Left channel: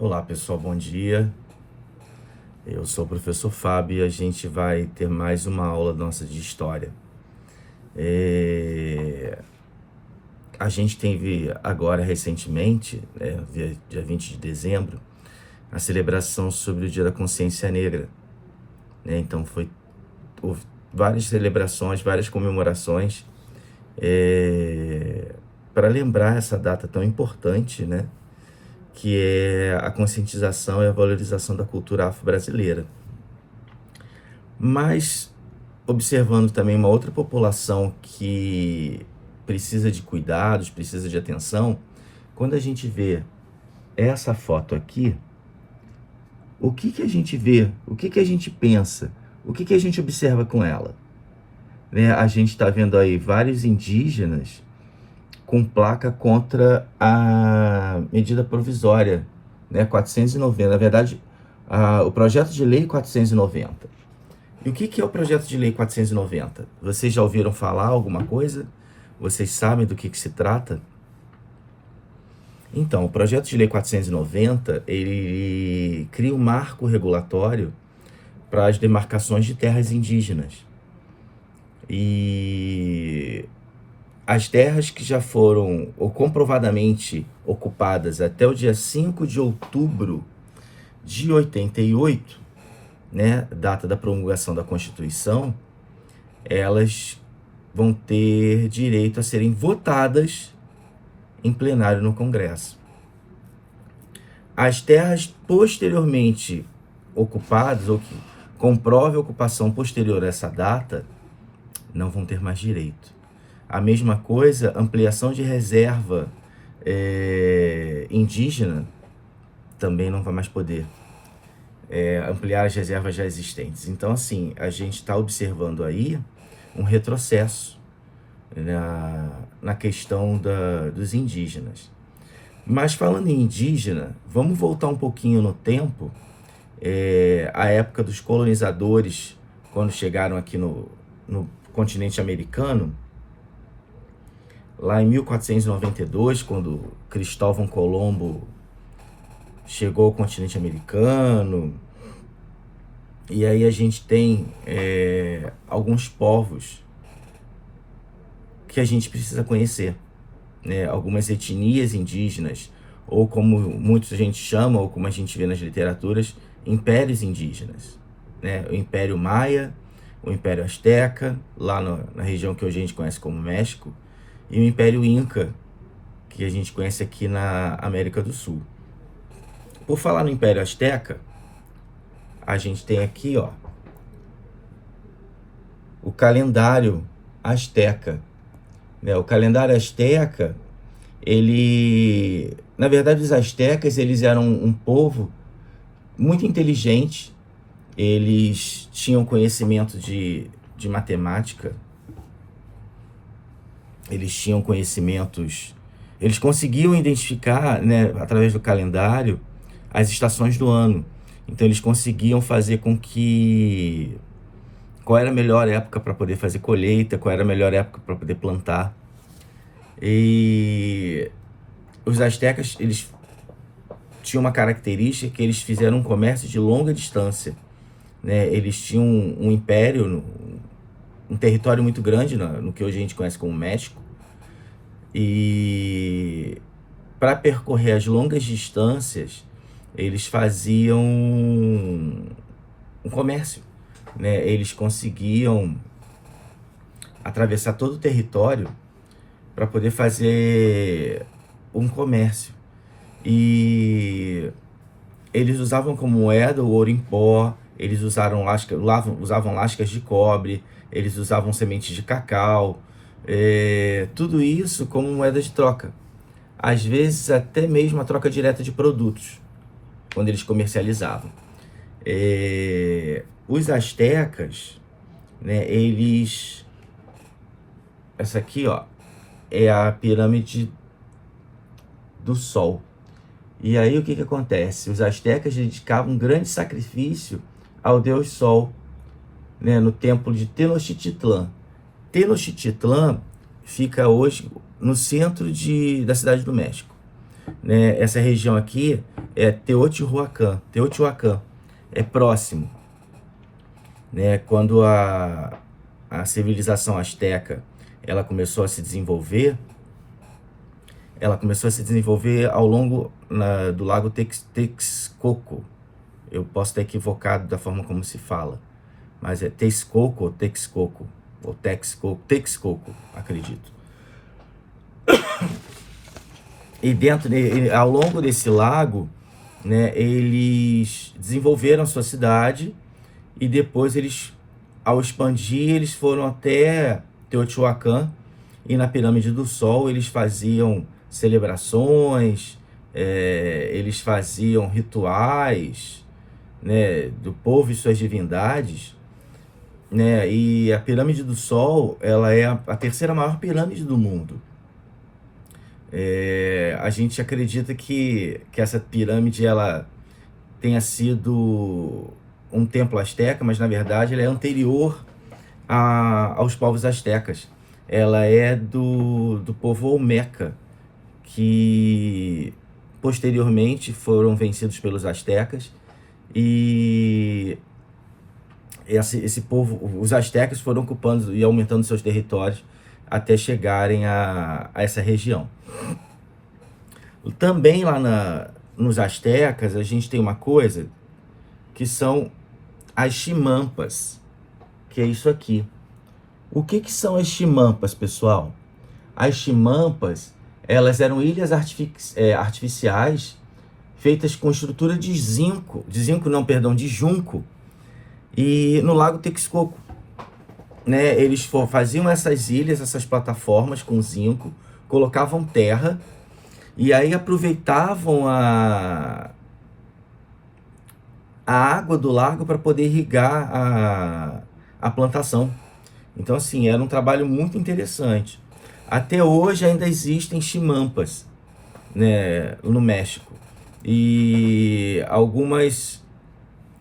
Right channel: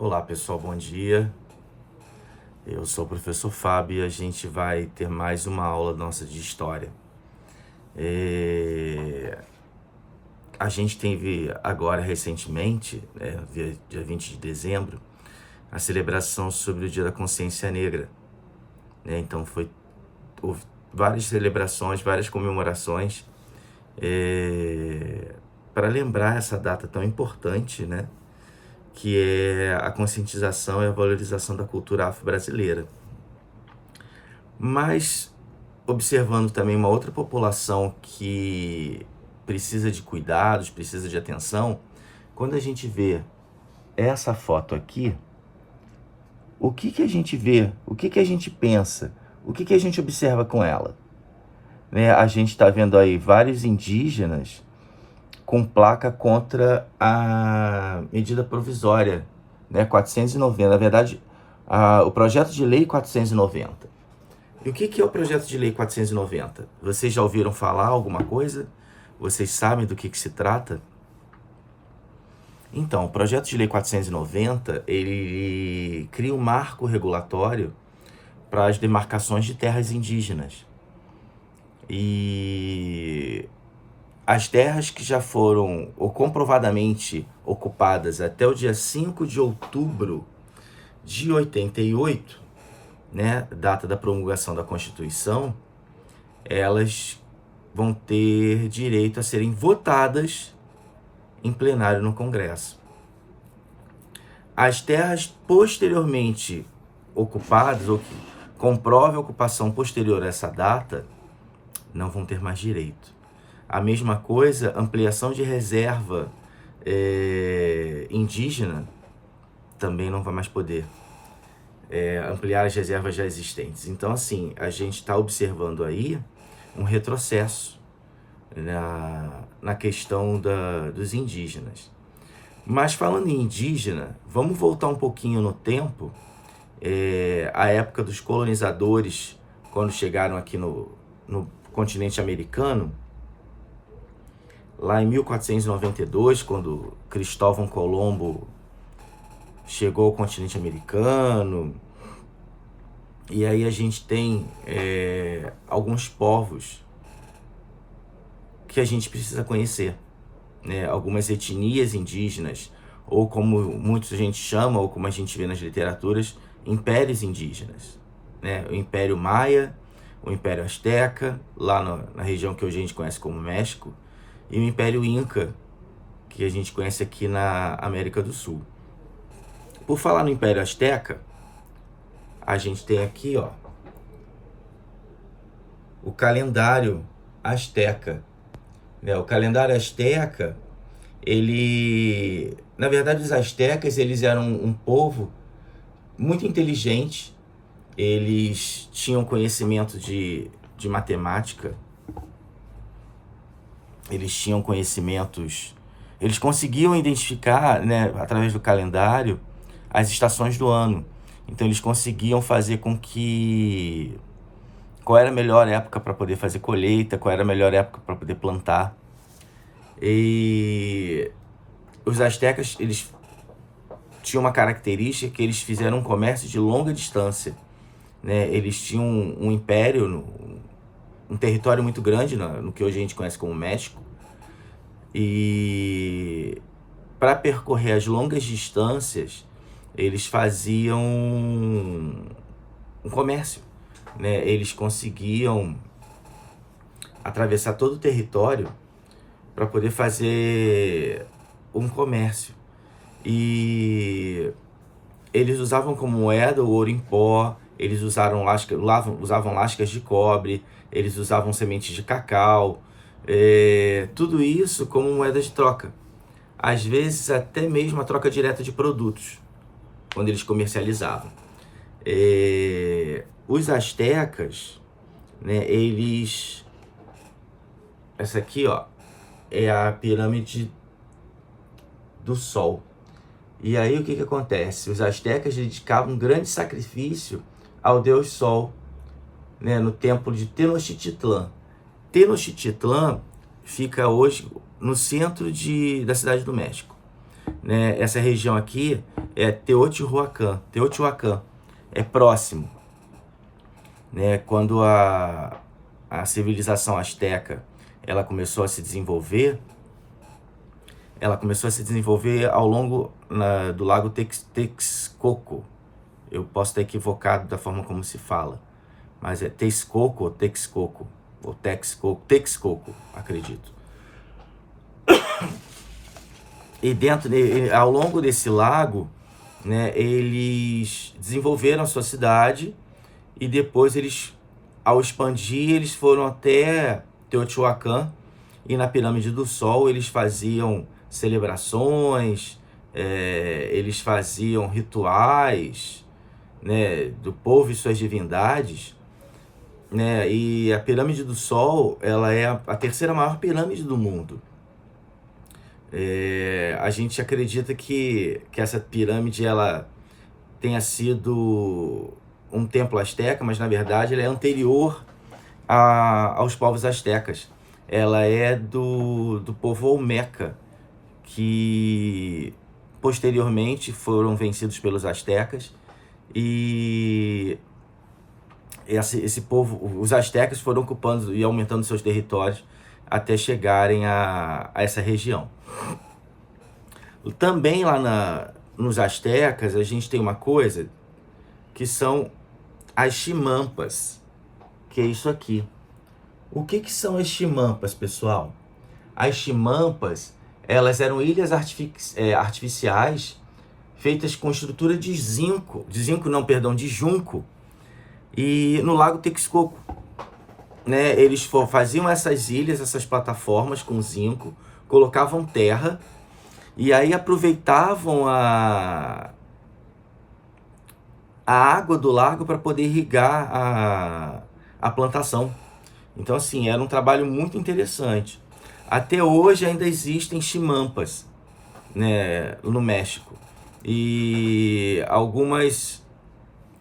Olá pessoal, bom dia. Eu sou o professor Fábio e a gente vai ter mais uma aula nossa de história. A gente teve agora recentemente, dia 20 de dezembro, a celebração sobre o Dia da Consciência Negra. Então houve várias celebrações, várias comemorações para lembrar essa data tão importante, né? Que é a conscientização e a valorização da cultura afro-brasileira. Mas, observando também uma outra população que precisa de cuidados, precisa de atenção, quando a gente vê essa foto aqui, o que a gente vê, o que a gente pensa, o que a gente observa com ela? A gente está vendo aí vários indígenas com placa contra a medida provisória, 490. Na verdade, o projeto de lei 490. E o que é o projeto de lei 490? Vocês já ouviram falar alguma coisa? Vocês sabem do que se trata? Então, o projeto de lei 490, ele cria um marco regulatório para as demarcações de terras indígenas. E as terras que já foram ou comprovadamente ocupadas até o dia 5 de outubro de 88, data da promulgação da Constituição, elas vão ter direito a serem votadas em plenário no Congresso. As terras posteriormente ocupadas, ou que comprove a ocupação posterior a essa data, não vão ter mais direito. A mesma coisa, ampliação de reserva indígena, também não vai mais poder ampliar as reservas já existentes. Então, assim, a gente está observando aí um retrocesso na questão dos indígenas. Mas falando em indígena, vamos voltar um pouquinho no tempo, a época dos colonizadores, quando chegaram aqui no continente americano, lá em 1492, quando Cristóvão Colombo chegou ao continente americano. E aí a gente tem alguns povos que a gente precisa conhecer, algumas etnias indígenas, ou como muita gente chama, ou como a gente vê nas literaturas, impérios indígenas. O Império Maia, o Império Azteca, lá na região que hoje a gente conhece como México, e o Império Inca, que a gente conhece aqui na América do Sul. Por falar no Império Azteca, a gente tem aqui, o calendário azteca. O calendário azteca, na verdade, os aztecas, eles eram um povo muito inteligente. Eles tinham conhecimento de matemática. Eles tinham conhecimentos. Eles conseguiam identificar, através do calendário, as estações do ano. Então, eles conseguiam fazer com que... Qual era a melhor época para poder fazer colheita, qual era a melhor época para poder plantar. E os aztecas, eles tinham uma característica que eles fizeram um comércio de longa distância. Eles tinham um império, um território muito grande, no que hoje a gente conhece como México. E para percorrer as longas distâncias, eles faziam um comércio. Eles conseguiam atravessar todo o território para poder fazer um comércio. E eles usavam como moeda o ouro em pó, eles usavam lascas de cobre, eles usavam sementes de cacau, tudo isso como moeda de troca. Às vezes até mesmo a troca direta de produtos, quando eles comercializavam. Os astecas, eles... Essa aqui, é a pirâmide do Sol. E aí o que acontece? Os astecas dedicavam um grande sacrifício ao Deus Sol, no templo de Tenochtitlan. Tenochtitlan fica hoje no centro da cidade do México. Essa região aqui é Teotihuacan. Teotihuacan é próximo, né? Quando a civilização asteca ela começou a se desenvolver, ao longo do lago Texcoco. Eu posso estar equivocado da forma como se fala, mas é Texcoco ou Texcoco, ou Texcoco, acredito. E ao longo desse lago, né, eles desenvolveram a sua cidade e depois ao expandir, eles foram até Teotihuacan e na Pirâmide do Sol eles faziam celebrações, eles faziam rituais, né, do povo e suas divindades, né, e a Pirâmide do Sol ela é a terceira maior pirâmide do mundo. A gente acredita que essa pirâmide ela tenha sido um templo asteca, mas na verdade ela é anterior aos povos astecas. Ela é do povo Olmeca, que posteriormente foram vencidos pelos astecas, e esse povo, os astecas, foram ocupando e aumentando seus territórios até chegarem a essa região. Também lá nos astecas a gente tem uma coisa que são as chimampas, que é isso aqui. O que são as chimampas, pessoal? As chimampas, elas eram ilhas artificiais feitas com estrutura de junco, e no Lago Texcoco, né? Eles faziam essas ilhas, essas plataformas com zinco, colocavam terra e aí aproveitavam a água do lago para poder irrigar a plantação. Então, assim, era um trabalho muito interessante. Até hoje ainda existem chimampas, né, no México. E algumas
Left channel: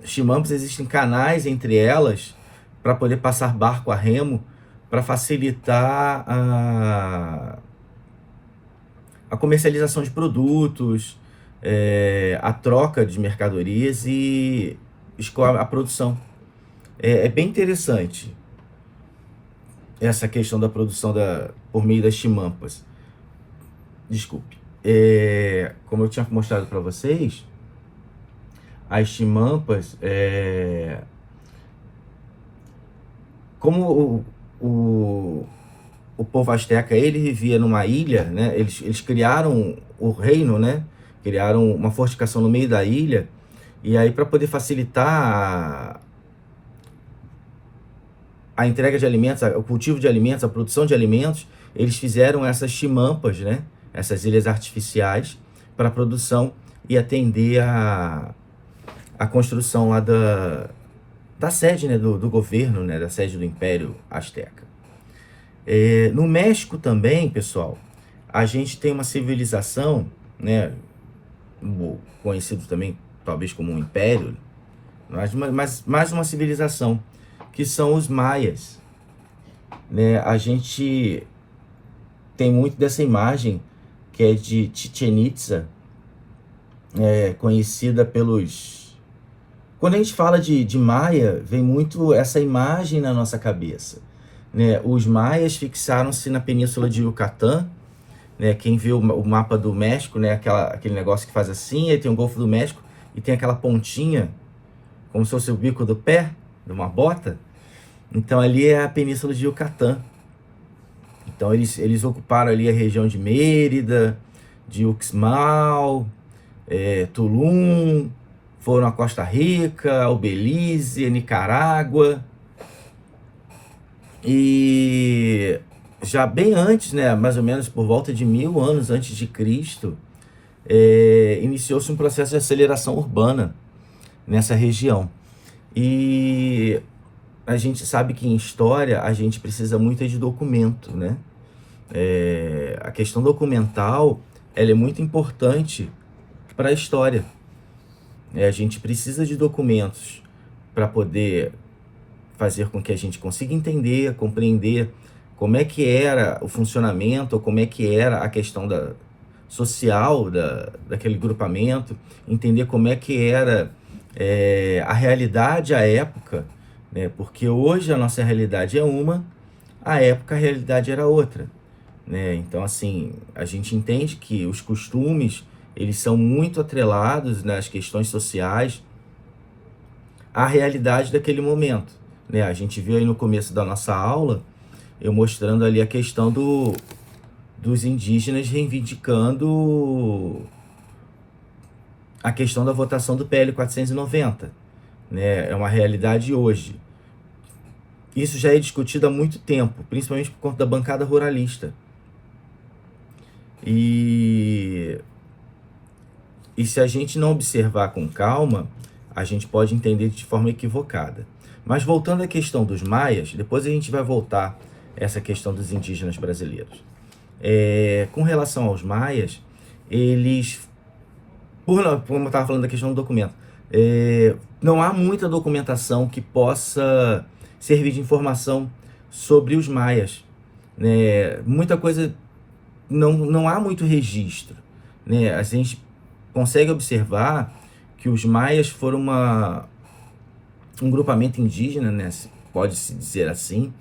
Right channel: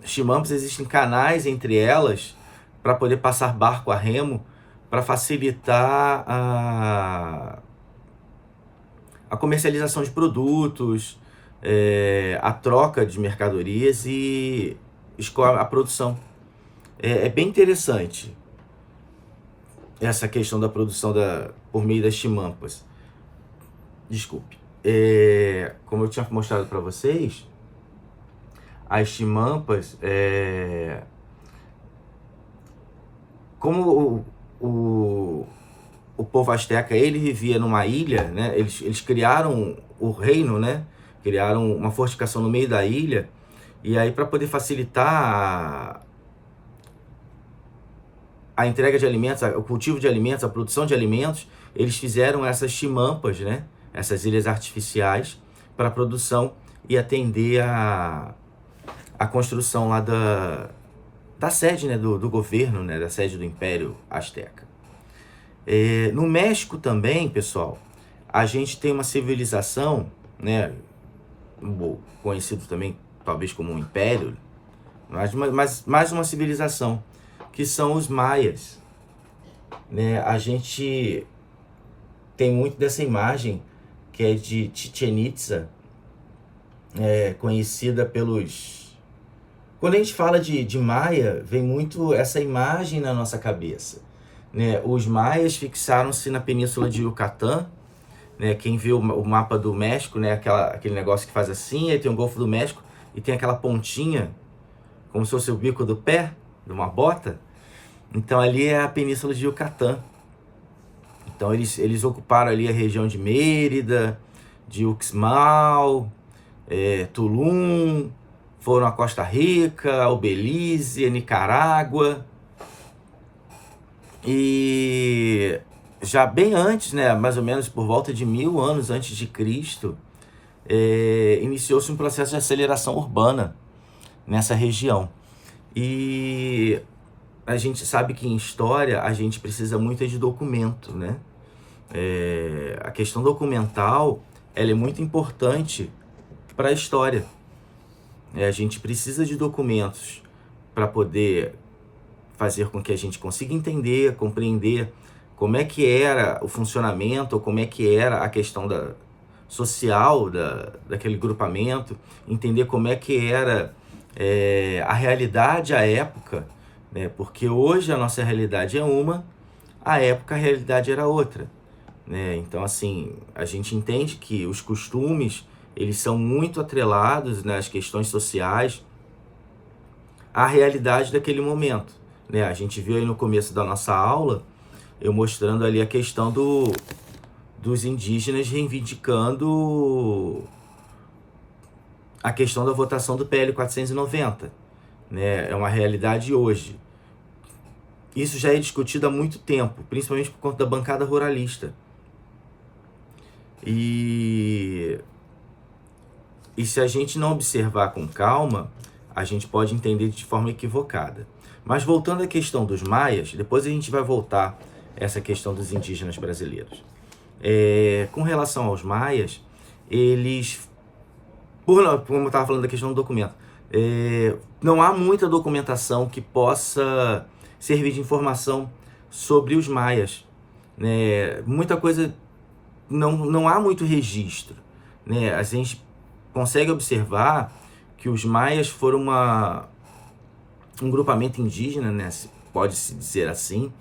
chimampas, existem canais entre elas para poder passar barco a remo, para facilitar a comercialização de produtos, a troca de mercadorias e a produção. É bem interessante essa questão da produção por meio das chimampas. Desculpe. Como eu tinha mostrado para vocês, as chimampas, como o povo asteca, ele vivia numa ilha, né? Eles criaram o reino, né? Criaram uma fortificação no meio da ilha, e aí para poder facilitar a entrega de alimentos, o cultivo de alimentos, a produção de alimentos, eles fizeram essas chimampas, né? Essas ilhas artificiais para a produção e atender a construção lá da sede, né? do governo, né? Da sede do Império Azteca. No México também, pessoal, a gente tem uma civilização, né? Conhecido também talvez como um império, mas mais uma civilização, que são os maias, né? A gente tem muito dessa imagem que é de Chichén Itzá, conhecida pelos... Quando a gente fala de Maia, vem muito essa imagem na nossa cabeça, né? Os maias fixaram-se na península de Yucatán, né? Quem viu o mapa do México, né? Aquele negócio que faz assim, aí tem o Golfo do México e tem aquela pontinha, como se fosse o bico do pé de uma bota. Então ali é a península de Yucatán. Então eles ocuparam ali a região de Mérida, de Uxmal, Tulum, foram a Costa Rica, ao Belize, a Nicarágua. E já bem antes, né, mais ou menos por volta de 1000 anos antes de Cristo, iniciou-se um processo de aceleração urbana nessa região. E a gente sabe que em história a gente precisa muito de documento, né? A questão documental, ela é muito importante para a história. A gente precisa de documentos para poder fazer com que a gente consiga entender, compreender como é que era o funcionamento, ou como é que era a questão social daquele grupamento, entender como é que era a realidade à época, né? Porque hoje a nossa realidade é uma, à época a realidade era outra, né? Então, assim, a gente entende que os costumes, eles são muito atrelados nas questões sociais à realidade daquele momento, né? A gente viu aí no começo da nossa aula, eu mostrando ali a questão dos indígenas reivindicando a questão da votação do PL 490, né? É uma realidade hoje. Isso já é discutido há muito tempo, principalmente por conta da bancada ruralista. E se a gente não observar com calma, a gente pode entender de forma equivocada. Mas voltando à questão dos maias, depois a gente vai voltar a essa questão dos indígenas brasileiros. Com relação aos maias, eles, como eu estava falando da questão do documento, não há muita documentação que possa servir de informação sobre os maias, né? Muita coisa, não há muito registro, né? A gente consegue observar que os maias foram um grupamento indígena, né? Pode-se dizer assim,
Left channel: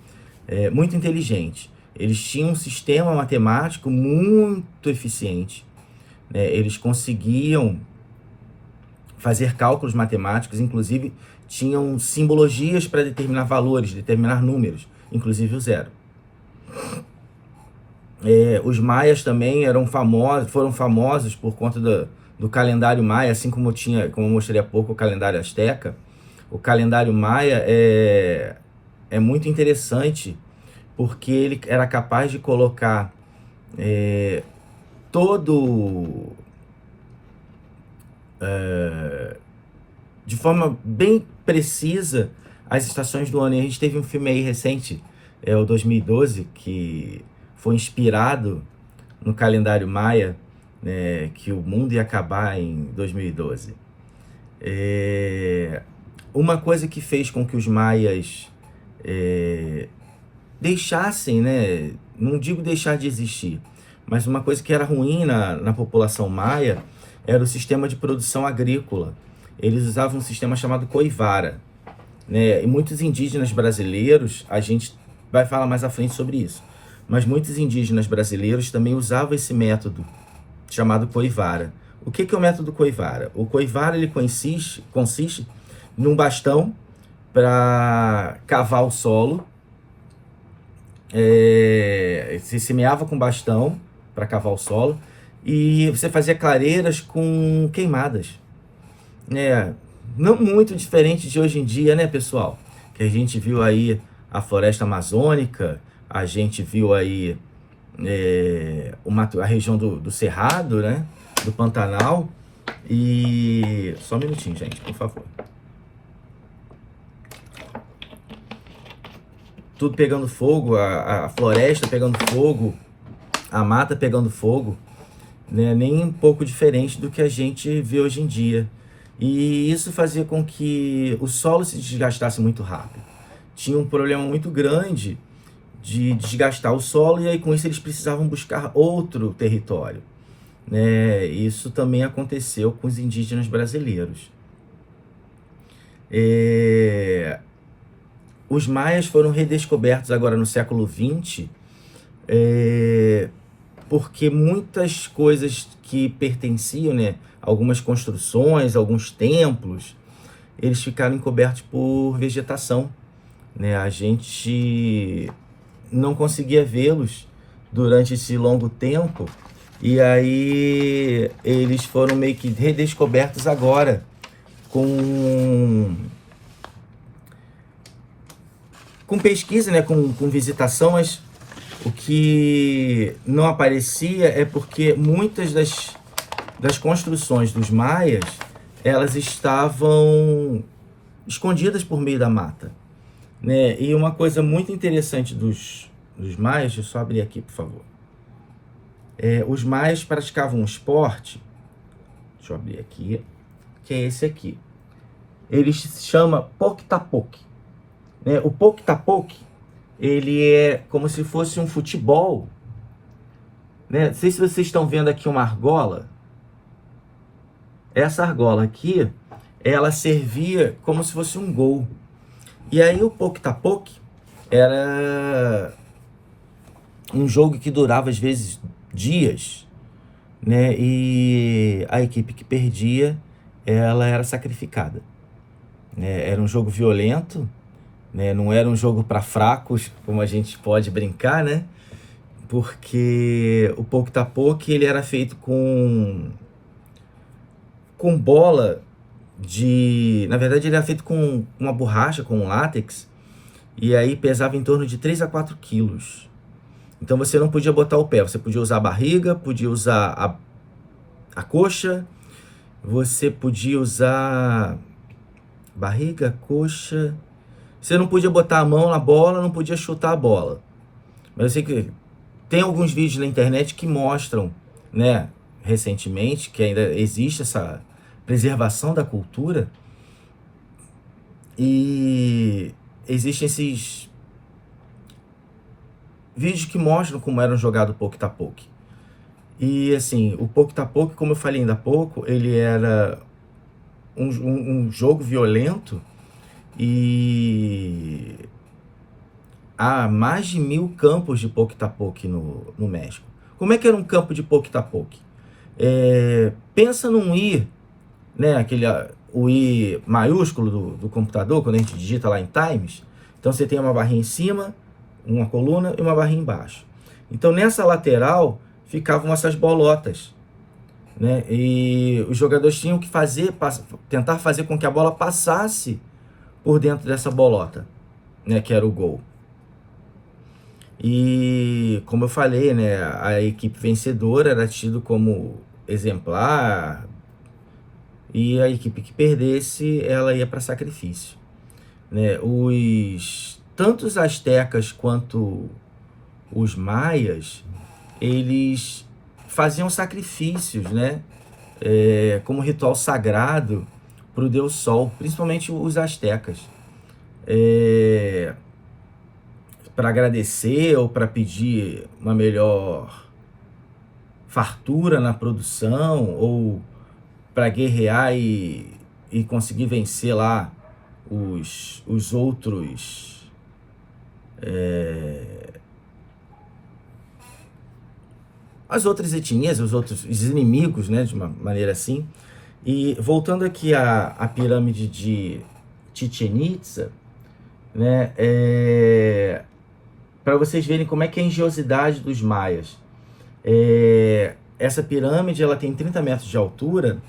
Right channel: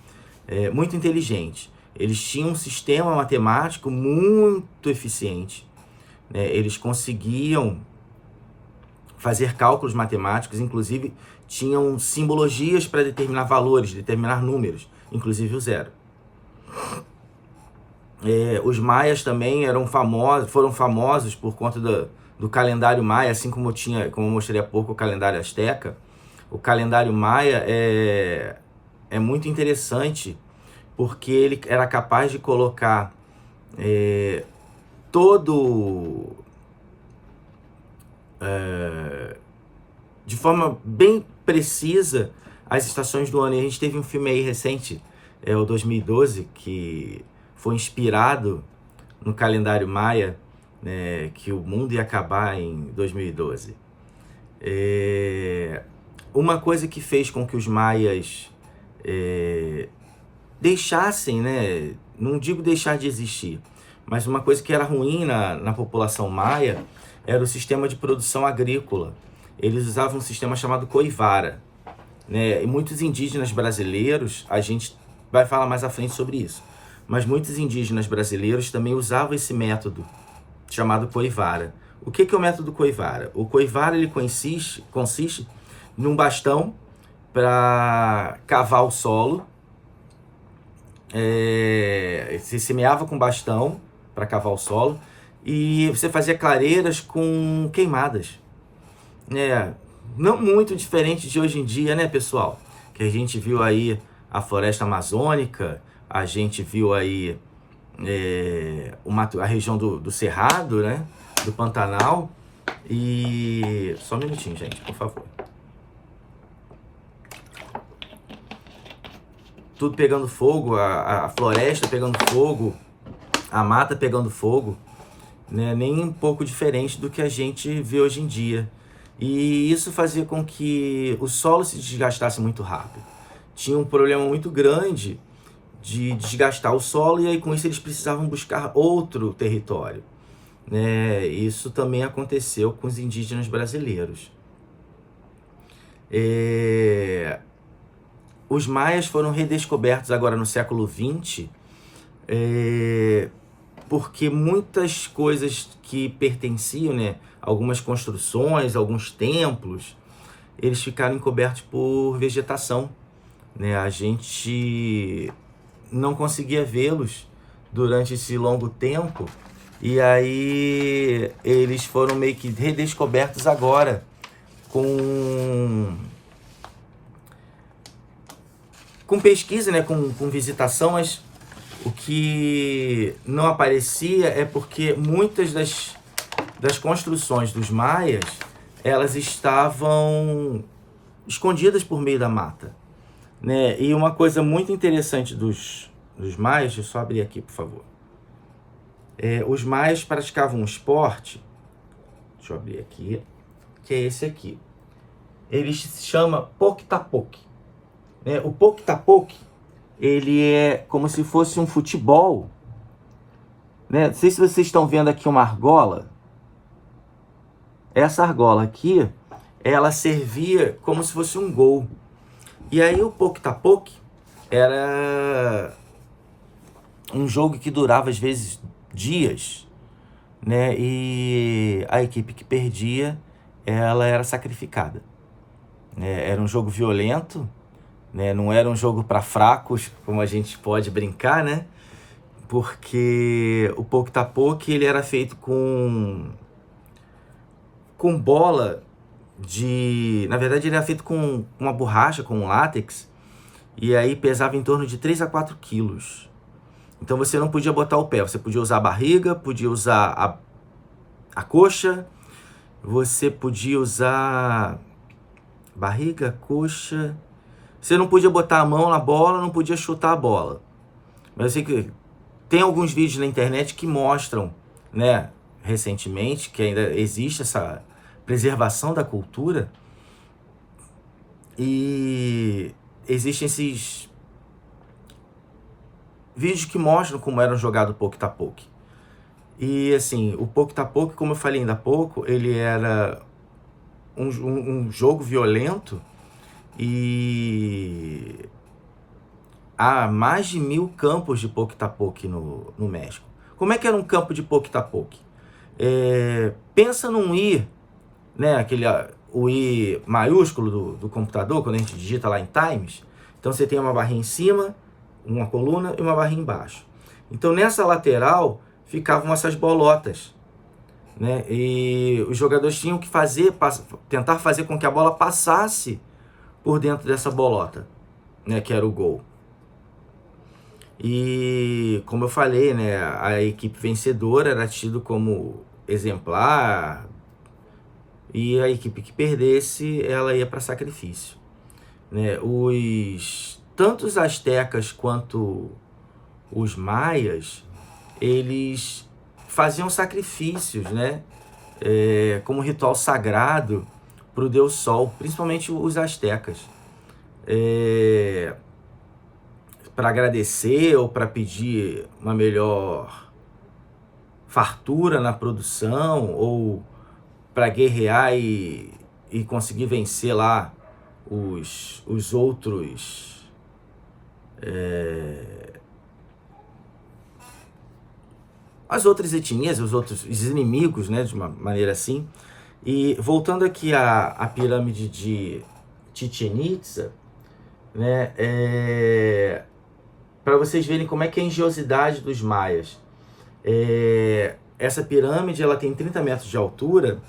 muito inteligente. Eles tinham um sistema matemático muito eficiente, né? Eles conseguiam fazer cálculos matemáticos, inclusive tinham simbologias para determinar valores, determinar números, inclusive o zero. Os maias também foram famosos por conta do calendário maia, assim como eu mostrei há pouco, o calendário asteca. O calendário maia é muito interessante, porque ele era capaz de colocar de forma bem precisa as estações do ano. E a gente teve um filme aí recente, o 2012, que foi inspirado no calendário maia, né, que o mundo ia acabar em 2012. Uma coisa que fez com que os maias deixassem, né, não digo deixar de existir, mas uma coisa que era ruim na população maia era o sistema de produção agrícola. Eles usavam um sistema chamado coivara, né? E muitos indígenas brasileiros, a gente vai falar mais à frente sobre isso, mas muitos indígenas brasileiros também usavam esse método chamado coivara. O que é o método coivara? O coivara, ele consiste num bastão para cavar o solo. Você semeava com bastão para cavar o solo e você fazia clareiras com queimadas. Não muito diferente de hoje em dia, né, pessoal? Que a gente viu aí a floresta amazônica, a gente viu aí a região do Cerrado, né, do Pantanal. E só um minutinho, gente, por favor. Tudo pegando fogo, a floresta pegando fogo, a mata pegando fogo, né? Nem um pouco diferente do que a gente vê hoje em dia. E isso fazia com que o solo se desgastasse muito rápido. Tinha um problema muito grande de desgastar o solo, e aí com isso eles precisavam buscar outro território, né? Isso também aconteceu com os indígenas brasileiros. Os maias foram redescobertos agora no século XX, porque muitas coisas que pertenciam, né, algumas construções, alguns templos, eles ficaram encobertos por vegetação, né? A gente não conseguia vê-los durante esse longo tempo, e aí eles foram meio que redescobertos agora com pesquisa, né, com visitação. Mas o que não aparecia é porque muitas das construções dos maias, elas estavam escondidas por meio da mata, né? E uma coisa muito interessante dos maias, deixa eu só abrir aqui, por favor. Os maias praticavam um esporte, deixa eu abrir aqui, que é esse aqui. Ele se chama Poktapoke. O Poktapoke, ele é como se fosse um futebol, né? Não sei se vocês estão vendo aqui uma argola. Essa argola aqui, ela servia como se fosse um gol. E aí o Poke-Tapoke era um jogo que durava às vezes dias, né? E a equipe que perdia, ela era sacrificada, né? Era um jogo violento, né? Não era um jogo para fracos, como a gente pode brincar, né? Porque o Poke-Tapoke, ele era feito com bola de... Na verdade, ele era feito com uma borracha, com um látex, e aí pesava em torno de 3 a 4 quilos. Então você não podia botar o pé, você podia usar a barriga, podia usar a coxa, você podia usar barriga, coxa... Você não podia botar a mão na bola, não podia chutar a bola. Mas eu sei que tem alguns vídeos na internet que mostram, né, recentemente, que ainda existe essa preservação da cultura, e existem esses vídeos que mostram como era jogado o Poke-Tapoke. E assim, o Poke-Tapoke, como eu falei ainda há pouco, ele era um jogo violento, e há mais de 1000 campos de Poke-Tapoke no México. Como é que era um campo de Poke-Tapoke? Pensa num I, né, o I maiúsculo do computador, quando a gente digita lá em Times. Então você tem uma barrinha em cima, uma coluna e uma barrinha embaixo. Então nessa lateral ficavam essas bolotas, né? E os jogadores tinham que tentar fazer com que a bola passasse por dentro dessa bolota, né, que era o gol. E como eu falei, né, a equipe vencedora era tido como exemplar, e a equipe que perdesse, ela ia para sacrifício, né? Tanto os astecas quanto os maias, eles faziam sacrifícios, né? Como ritual sagrado para o deus Sol, principalmente os astecas, para agradecer ou para pedir uma melhor fartura na produção, ou para guerrear e conseguir vencer lá os outros as outras etnias, os inimigos, né, de uma maneira assim. E voltando aqui à pirâmide de Chichén Itzá, né, para vocês verem como é que é a engenhosidade dos maias. Essa pirâmide, ela tem 30 metros de altura,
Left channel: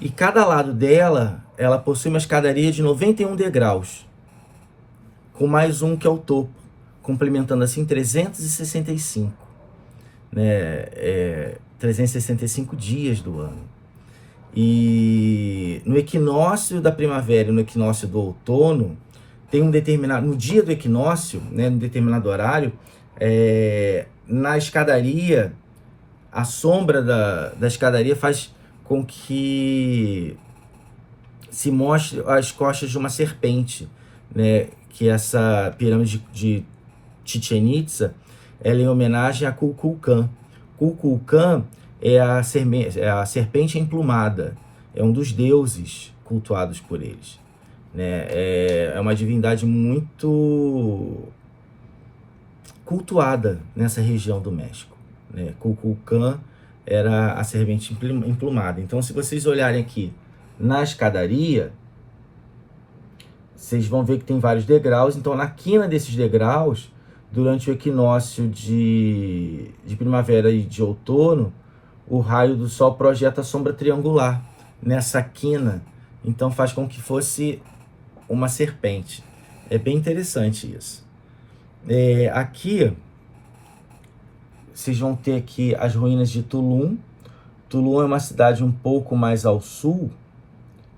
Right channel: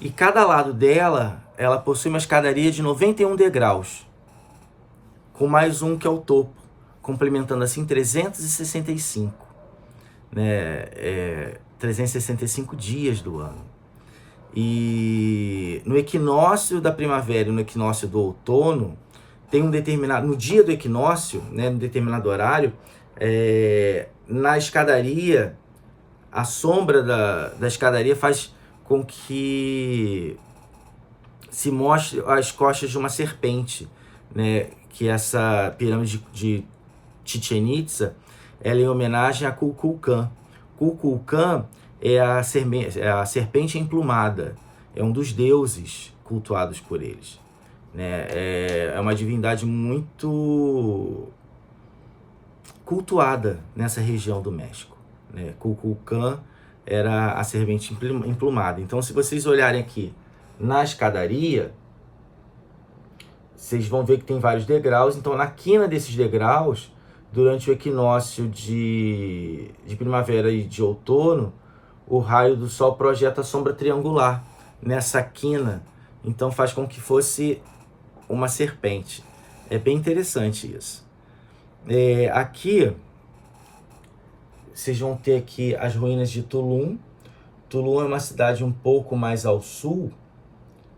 e cada lado dela, ela possui uma escadaria de 91 degraus, com mais um que é o topo, complementando assim 365, né? 365 dias do ano. E no equinócio da primavera e no equinócio do outono, tem um determinado, no dia do equinócio, né, no determinado horário, na escadaria, a sombra da escadaria faz com que se mostre as costas de uma serpente, né? Que essa pirâmide de Chichén Itzá, ela é em homenagem a Kukulcán. Kukulcán é a serpente emplumada, é um dos deuses cultuados por eles, né? É uma divindade muito cultuada nessa região do México, né? Kukulcán era a serpente emplumada. Então, se vocês olharem aqui na escadaria, vocês vão ver que tem vários degraus. Então, na quina desses degraus, durante o equinócio de primavera e de outono, o raio do sol projeta a sombra triangular nessa quina. Então, faz com que fosse uma serpente. É bem interessante isso. Aqui, vocês vão ter aqui as ruínas de Tulum. Tulum é uma cidade um pouco mais ao sul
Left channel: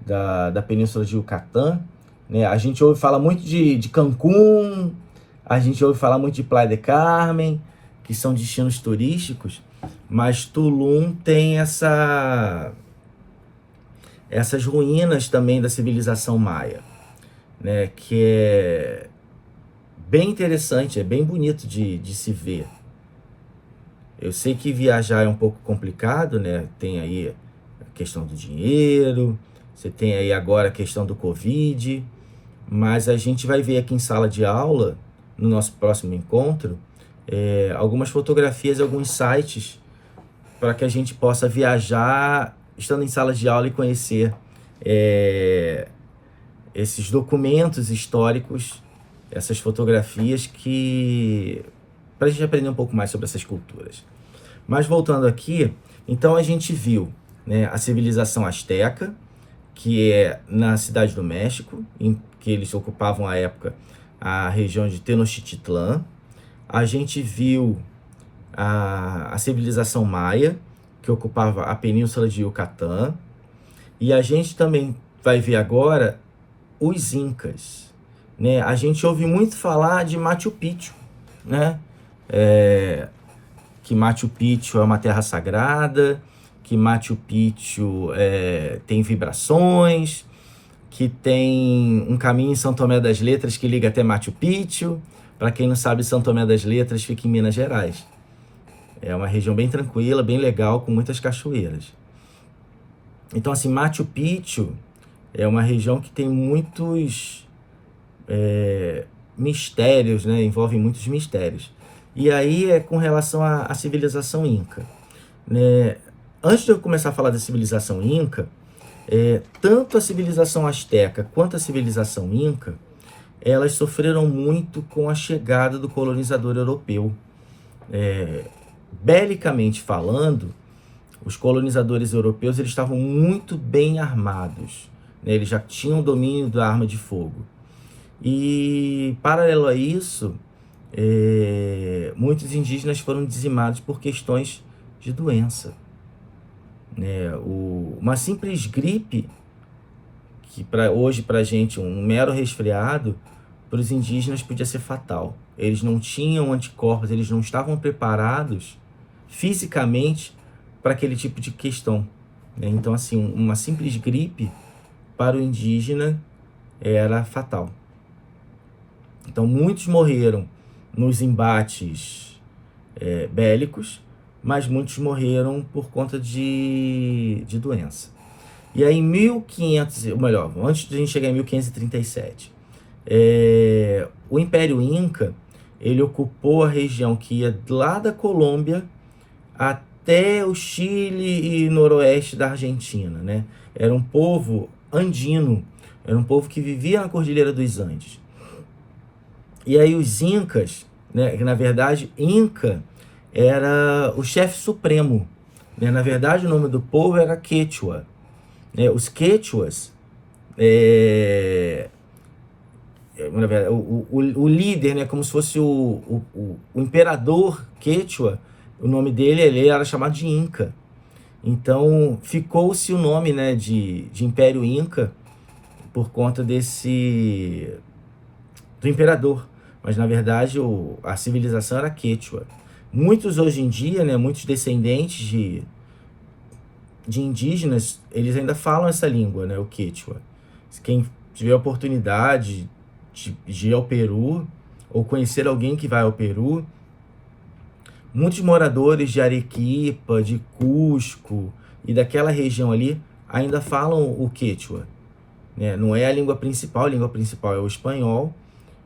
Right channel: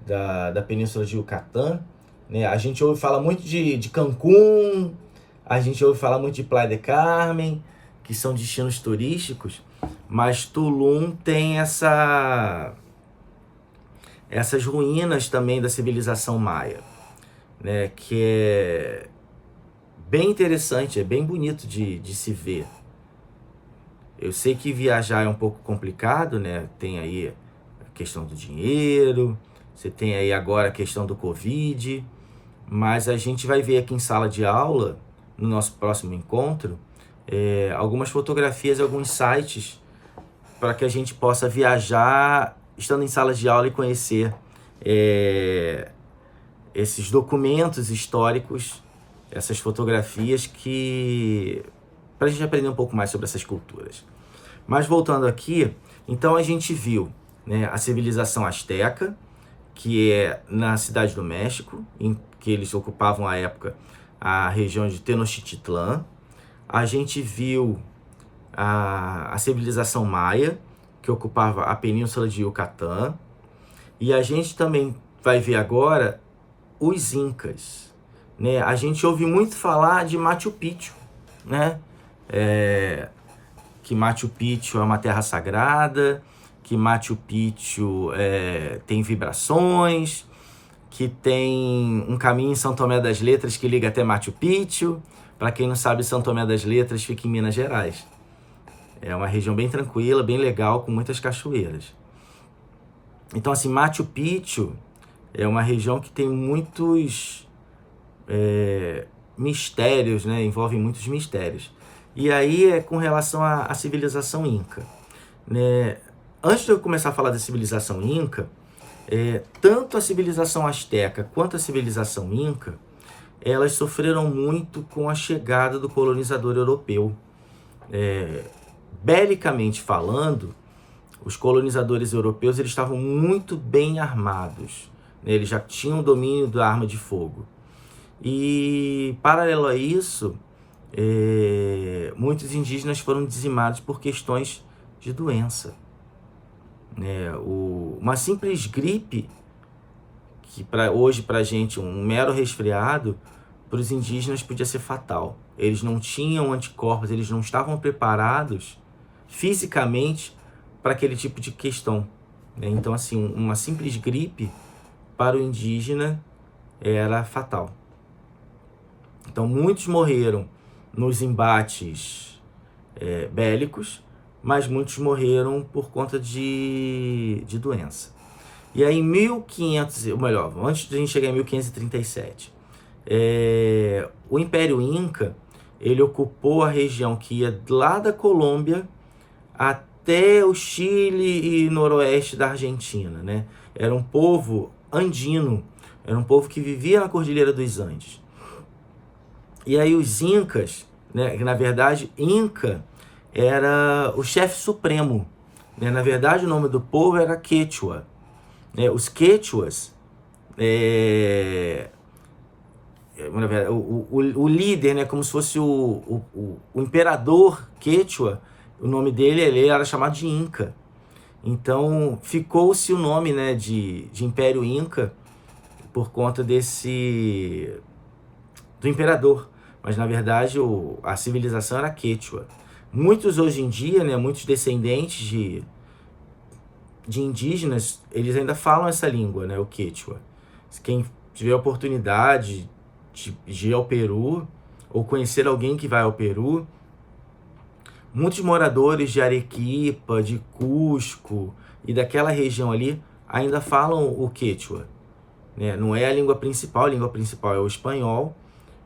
da Península de Yucatán, né? A gente ouve falar muito de Cancún, a gente ouve falar muito de Playa del Carmen, que são destinos turísticos, mas Tulum tem essas ruínas também da civilização maia, né? Que é bem interessante, é bem bonito de se ver. Eu sei que viajar é um pouco complicado, né? Tem aí a questão do dinheiro, você tem aí agora a questão do Covid, mas a gente vai ver aqui em sala de aula, no nosso próximo encontro, algumas fotografias, alguns sites para que a gente possa viajar estando em sala de aula e conhecer esses documentos históricos, essas fotografias que para a gente aprender um pouco mais sobre essas culturas. Mas voltando aqui, então a gente viu, né, a civilização asteca, que é na cidade do México, em que eles ocupavam à época a região de Tenochtitlán. A gente viu a civilização maia, que ocupava a península de Yucatán. E a gente também vai ver agora os incas, né? A gente ouve muito falar de Machu Picchu, né? Que Machu Picchu é uma terra sagrada, que Machu Picchu tem vibrações, que tem um caminho em São Tomé das Letras que liga até Machu Picchu. Para quem não sabe, São Tomé das Letras fica em Minas Gerais. É uma região bem tranquila, bem legal, com muitas cachoeiras. Então, assim, Machu Picchu é uma região que tem muitos mistérios, né? Envolve muitos mistérios. E aí é com relação à civilização inca, né? Antes de eu começar a falar da civilização inca, tanto a civilização asteca quanto a civilização inca, elas sofreram muito com a chegada do colonizador europeu. Belicamente falando, os colonizadores europeus eles estavam muito bem armados, né? Eles já tinham domínio da arma de fogo. E, paralelo a isso, muitos indígenas foram dizimados por questões de doença. Uma simples gripe, que hoje para a gente um mero resfriado, para os indígenas podia ser fatal. Eles não tinham anticorpos, eles não estavam preparados fisicamente para aquele tipo de questão, né? Então, assim, uma simples gripe para o indígena era fatal. Então, muitos morreram nos embates bélicos, mas muitos morreram por conta de doença. E aí, em 1500, ou melhor, antes de a gente chegar em 1537, o Império Inca, ele ocupou a região que ia lá da Colômbia até o Chile e noroeste da Argentina, né? Era um povo andino, era um povo que vivia na Cordilheira dos Andes. E aí os incas, né, que na verdade Inca era o chefe supremo, né? Na verdade o nome do povo era Quechua, né? Os Quechuas, na verdade, o líder, né, como se fosse o imperador Quechua, o nome dele ele era chamado de Inca. Então ficou-se o nome, né, de Império Inca por conta do imperador, mas na verdade a civilização era Quechua. Muitos hoje em dia, né, muitos descendentes de indígenas, eles ainda falam essa língua, né, o Quechua. Quem tiver a oportunidade de ir ao Peru ou conhecer alguém que vai ao Peru, muitos moradores de Arequipa, de Cusco e daquela região ali ainda falam o Quechua, né? Não é a língua principal é o espanhol,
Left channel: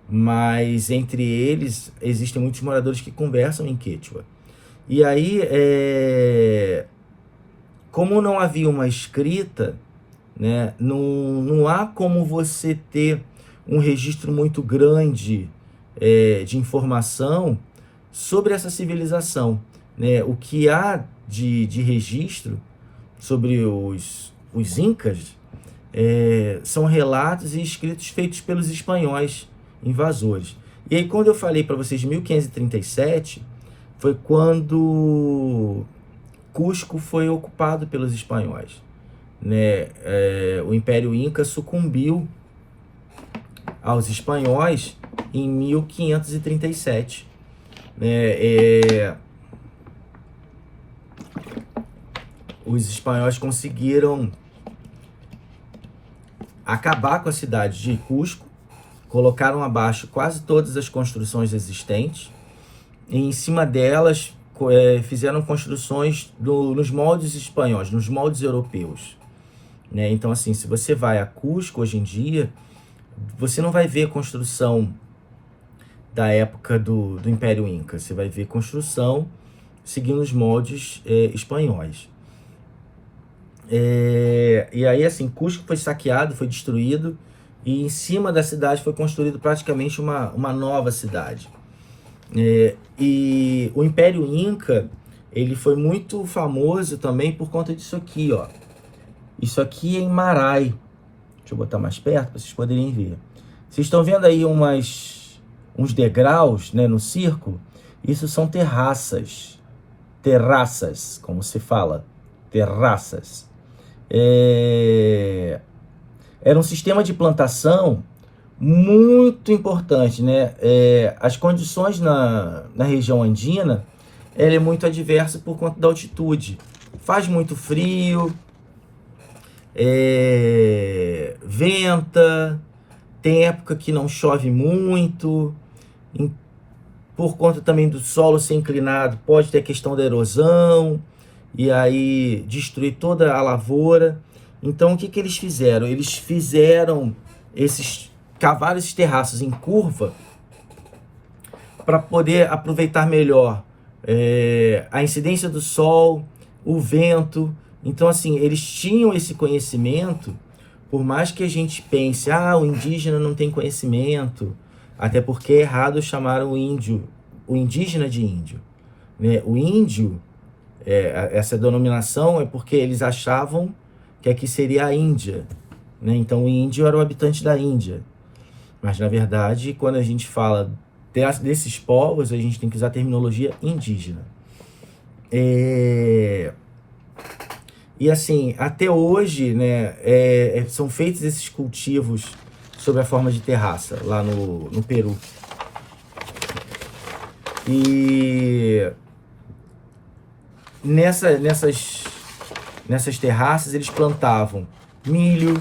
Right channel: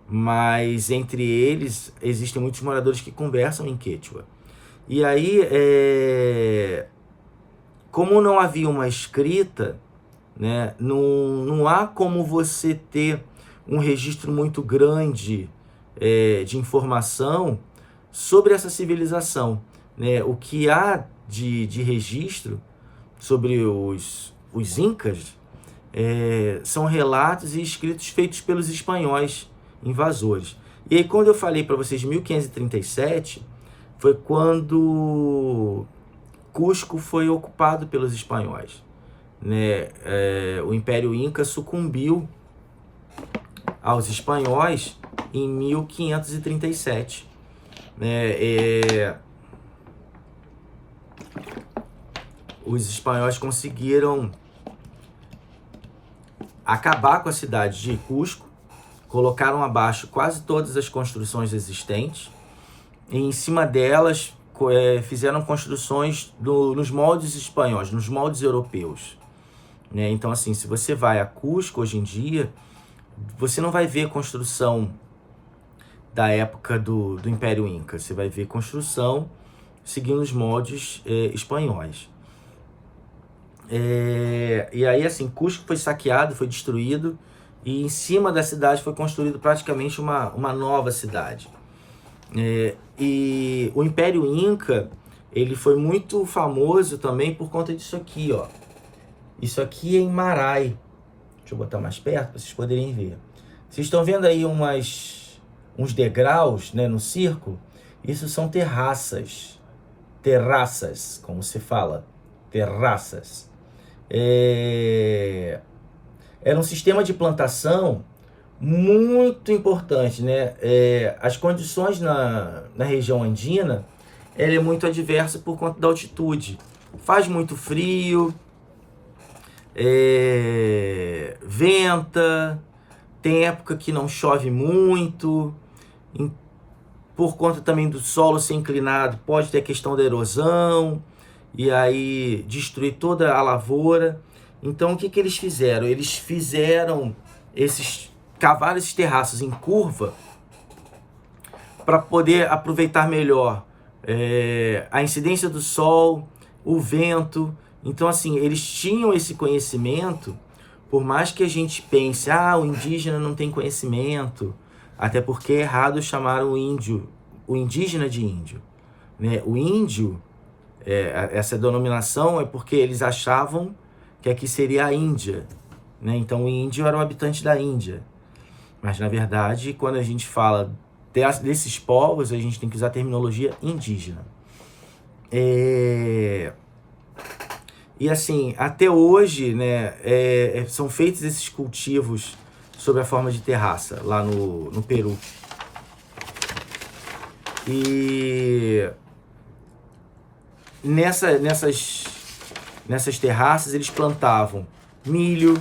mas entre eles existem muitos moradores que conversam em Quechua. E aí, como não havia uma escrita, né, não há como você ter um registro muito grande de informação sobre essa civilização, né? O que há de registro sobre os incas são relatos e escritos feitos pelos espanhóis invasores. E aí, quando eu falei para vocês de 1537, foi quando Cusco foi ocupado pelos espanhóis, né? O Império Inca sucumbiu aos espanhóis em 1537. Os espanhóis conseguiram acabar com a cidade de Cusco, colocaram abaixo quase todas as construções existentes, e em cima delas fizeram construções nos moldes espanhóis, nos moldes europeus, né? Então, assim, se você vai a Cusco hoje em dia, você não vai ver construção da época do Império Inca. Você vai ver construção seguindo os moldes espanhóis. E aí, assim, Cusco foi saqueado, foi destruído, e em cima da cidade foi construído praticamente uma nova cidade. E o Império Inca, ele foi muito famoso também por conta disso aqui, ó. Isso aqui é em Marai. Deixa eu botar mais perto para vocês poderem ver. Vocês estão vendo aí uns degraus, né, no círculo? Isso são terraças. Terraças, como se fala. Terraças. Era um sistema de plantação muito importante, né? As condições na região andina, ela é muito adversa por conta da altitude. Faz muito frio, venta, tem época que não chove muito, por conta também do solo ser inclinado, pode ter a questão da erosão, e aí destruir toda a lavoura. Então o que eles fizeram? Eles cavaram esses terraços em curva para poder aproveitar melhor a incidência do sol, o vento. Então, assim, eles tinham esse conhecimento, por mais que a gente pense, o indígena não tem conhecimento, até porque é errado chamar o indígena de índio, né? O índio, essa denominação é porque eles achavam que aqui seria a Índia, né? Então o índio era o habitante da Índia. Mas, na verdade, quando a gente fala desses povos, a gente tem que usar a terminologia indígena. E assim, até hoje, né, são feitos esses cultivos sob a forma de terraça, lá no Peru. E nessas terraças eles plantavam milho,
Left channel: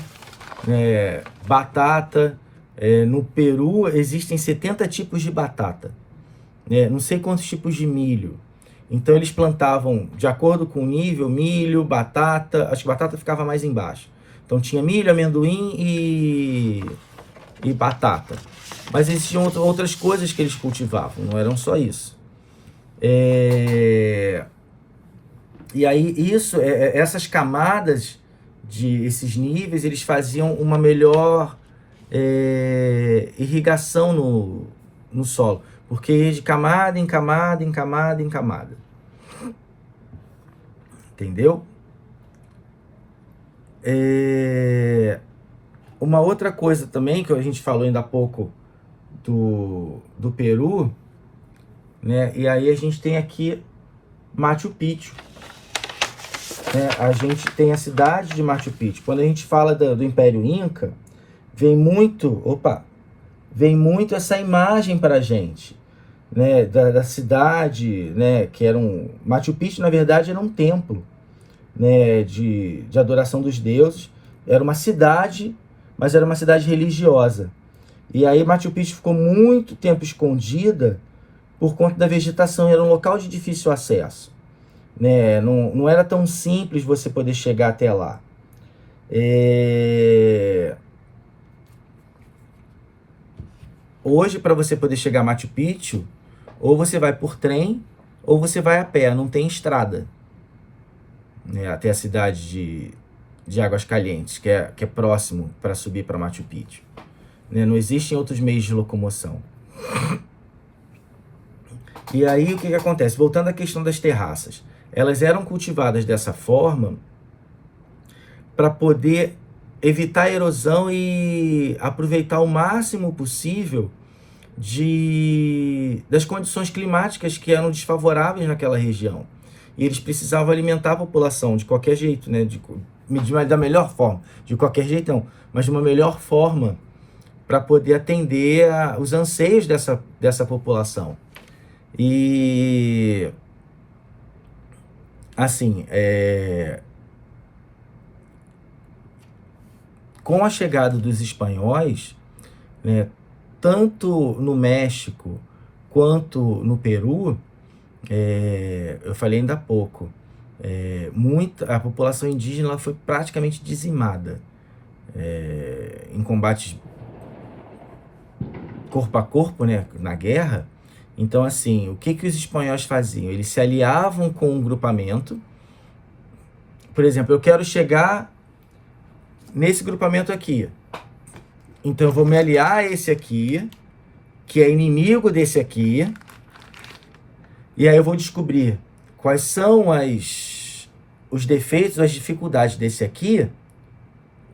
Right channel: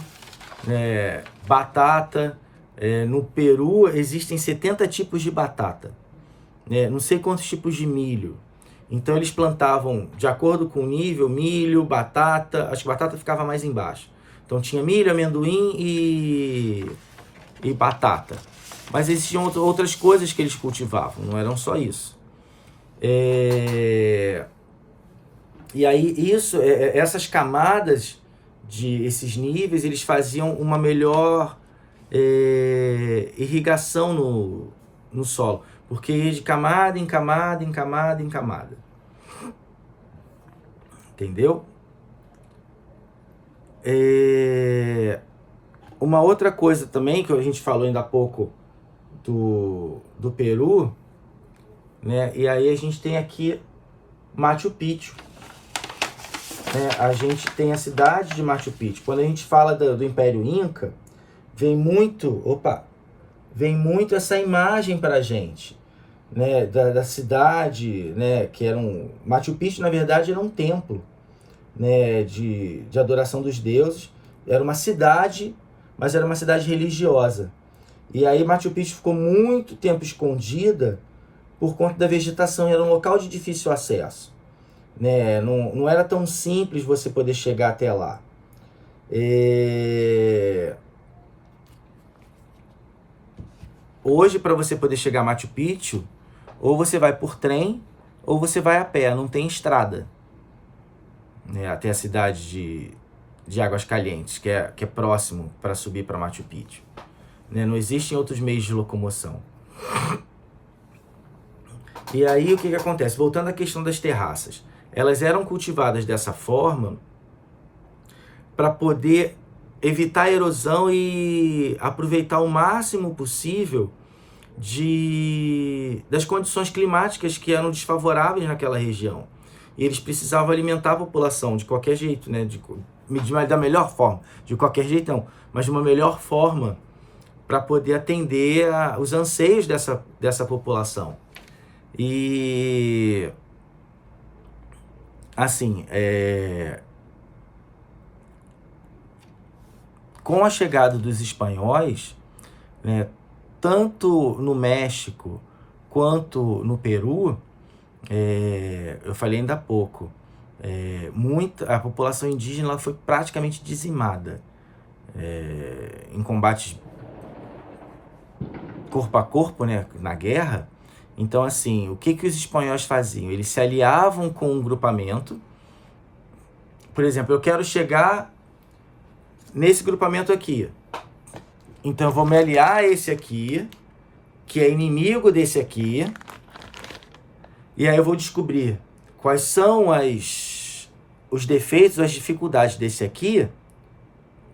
batata. No Peru existem 70 tipos de batata, né? Não sei quantos tipos de milho. Então eles plantavam, de acordo com o nível, milho, batata. Acho que batata ficava mais embaixo. Então tinha milho, amendoim e batata. Mas existiam outras coisas que eles cultivavam, não eram só isso. E aí essas camadas, esses níveis, eles faziam uma melhor irrigação no solo, porque de camada em camada, em camada, em camada. Entendeu? Uma outra coisa também que a gente falou ainda há pouco do Peru, né? E aí a gente tem aqui Machu Picchu, né? A gente tem a cidade de Machu Picchu. Quando a gente fala do Império Inca, vem muito essa imagem para a gente, né, da cidade, né, que era Machu Picchu, na verdade, era um templo, né, de adoração dos deuses. Era uma cidade, mas era uma cidade religiosa. E aí Machu Picchu ficou muito tempo escondida por conta da vegetação. Era um local de difícil acesso, né? Não era tão simples você poder chegar até lá. Hoje, para você poder chegar a Machu Picchu, ou você vai por trem, ou você vai a pé, não tem estrada, né, até a cidade de Águas Calientes, que é próximo para subir para Machu Picchu. Né, não existem outros meios de locomoção. E aí, o que acontece? Voltando à questão das terraças. Elas eram cultivadas dessa forma para poder evitar a erosão e aproveitar o máximo possível das condições climáticas que eram desfavoráveis naquela região. E eles precisavam alimentar a população de qualquer jeito, né? Da melhor forma. De qualquer jeito não, mas de uma melhor forma para poder atender os anseios dessa população. E assim, com a chegada dos espanhóis, né, tanto no México quanto no Peru, eu falei ainda há pouco, a população indígena ela foi praticamente dizimada em combates corpo a corpo, né, na guerra. Então, assim, o que os espanhóis faziam? Eles se aliavam com um grupamento. Por exemplo, eu quero chegar nesse grupamento aqui. Então, eu vou me aliar a esse aqui, que é inimigo desse aqui. E aí eu vou descobrir quais são os defeitos, as dificuldades desse aqui,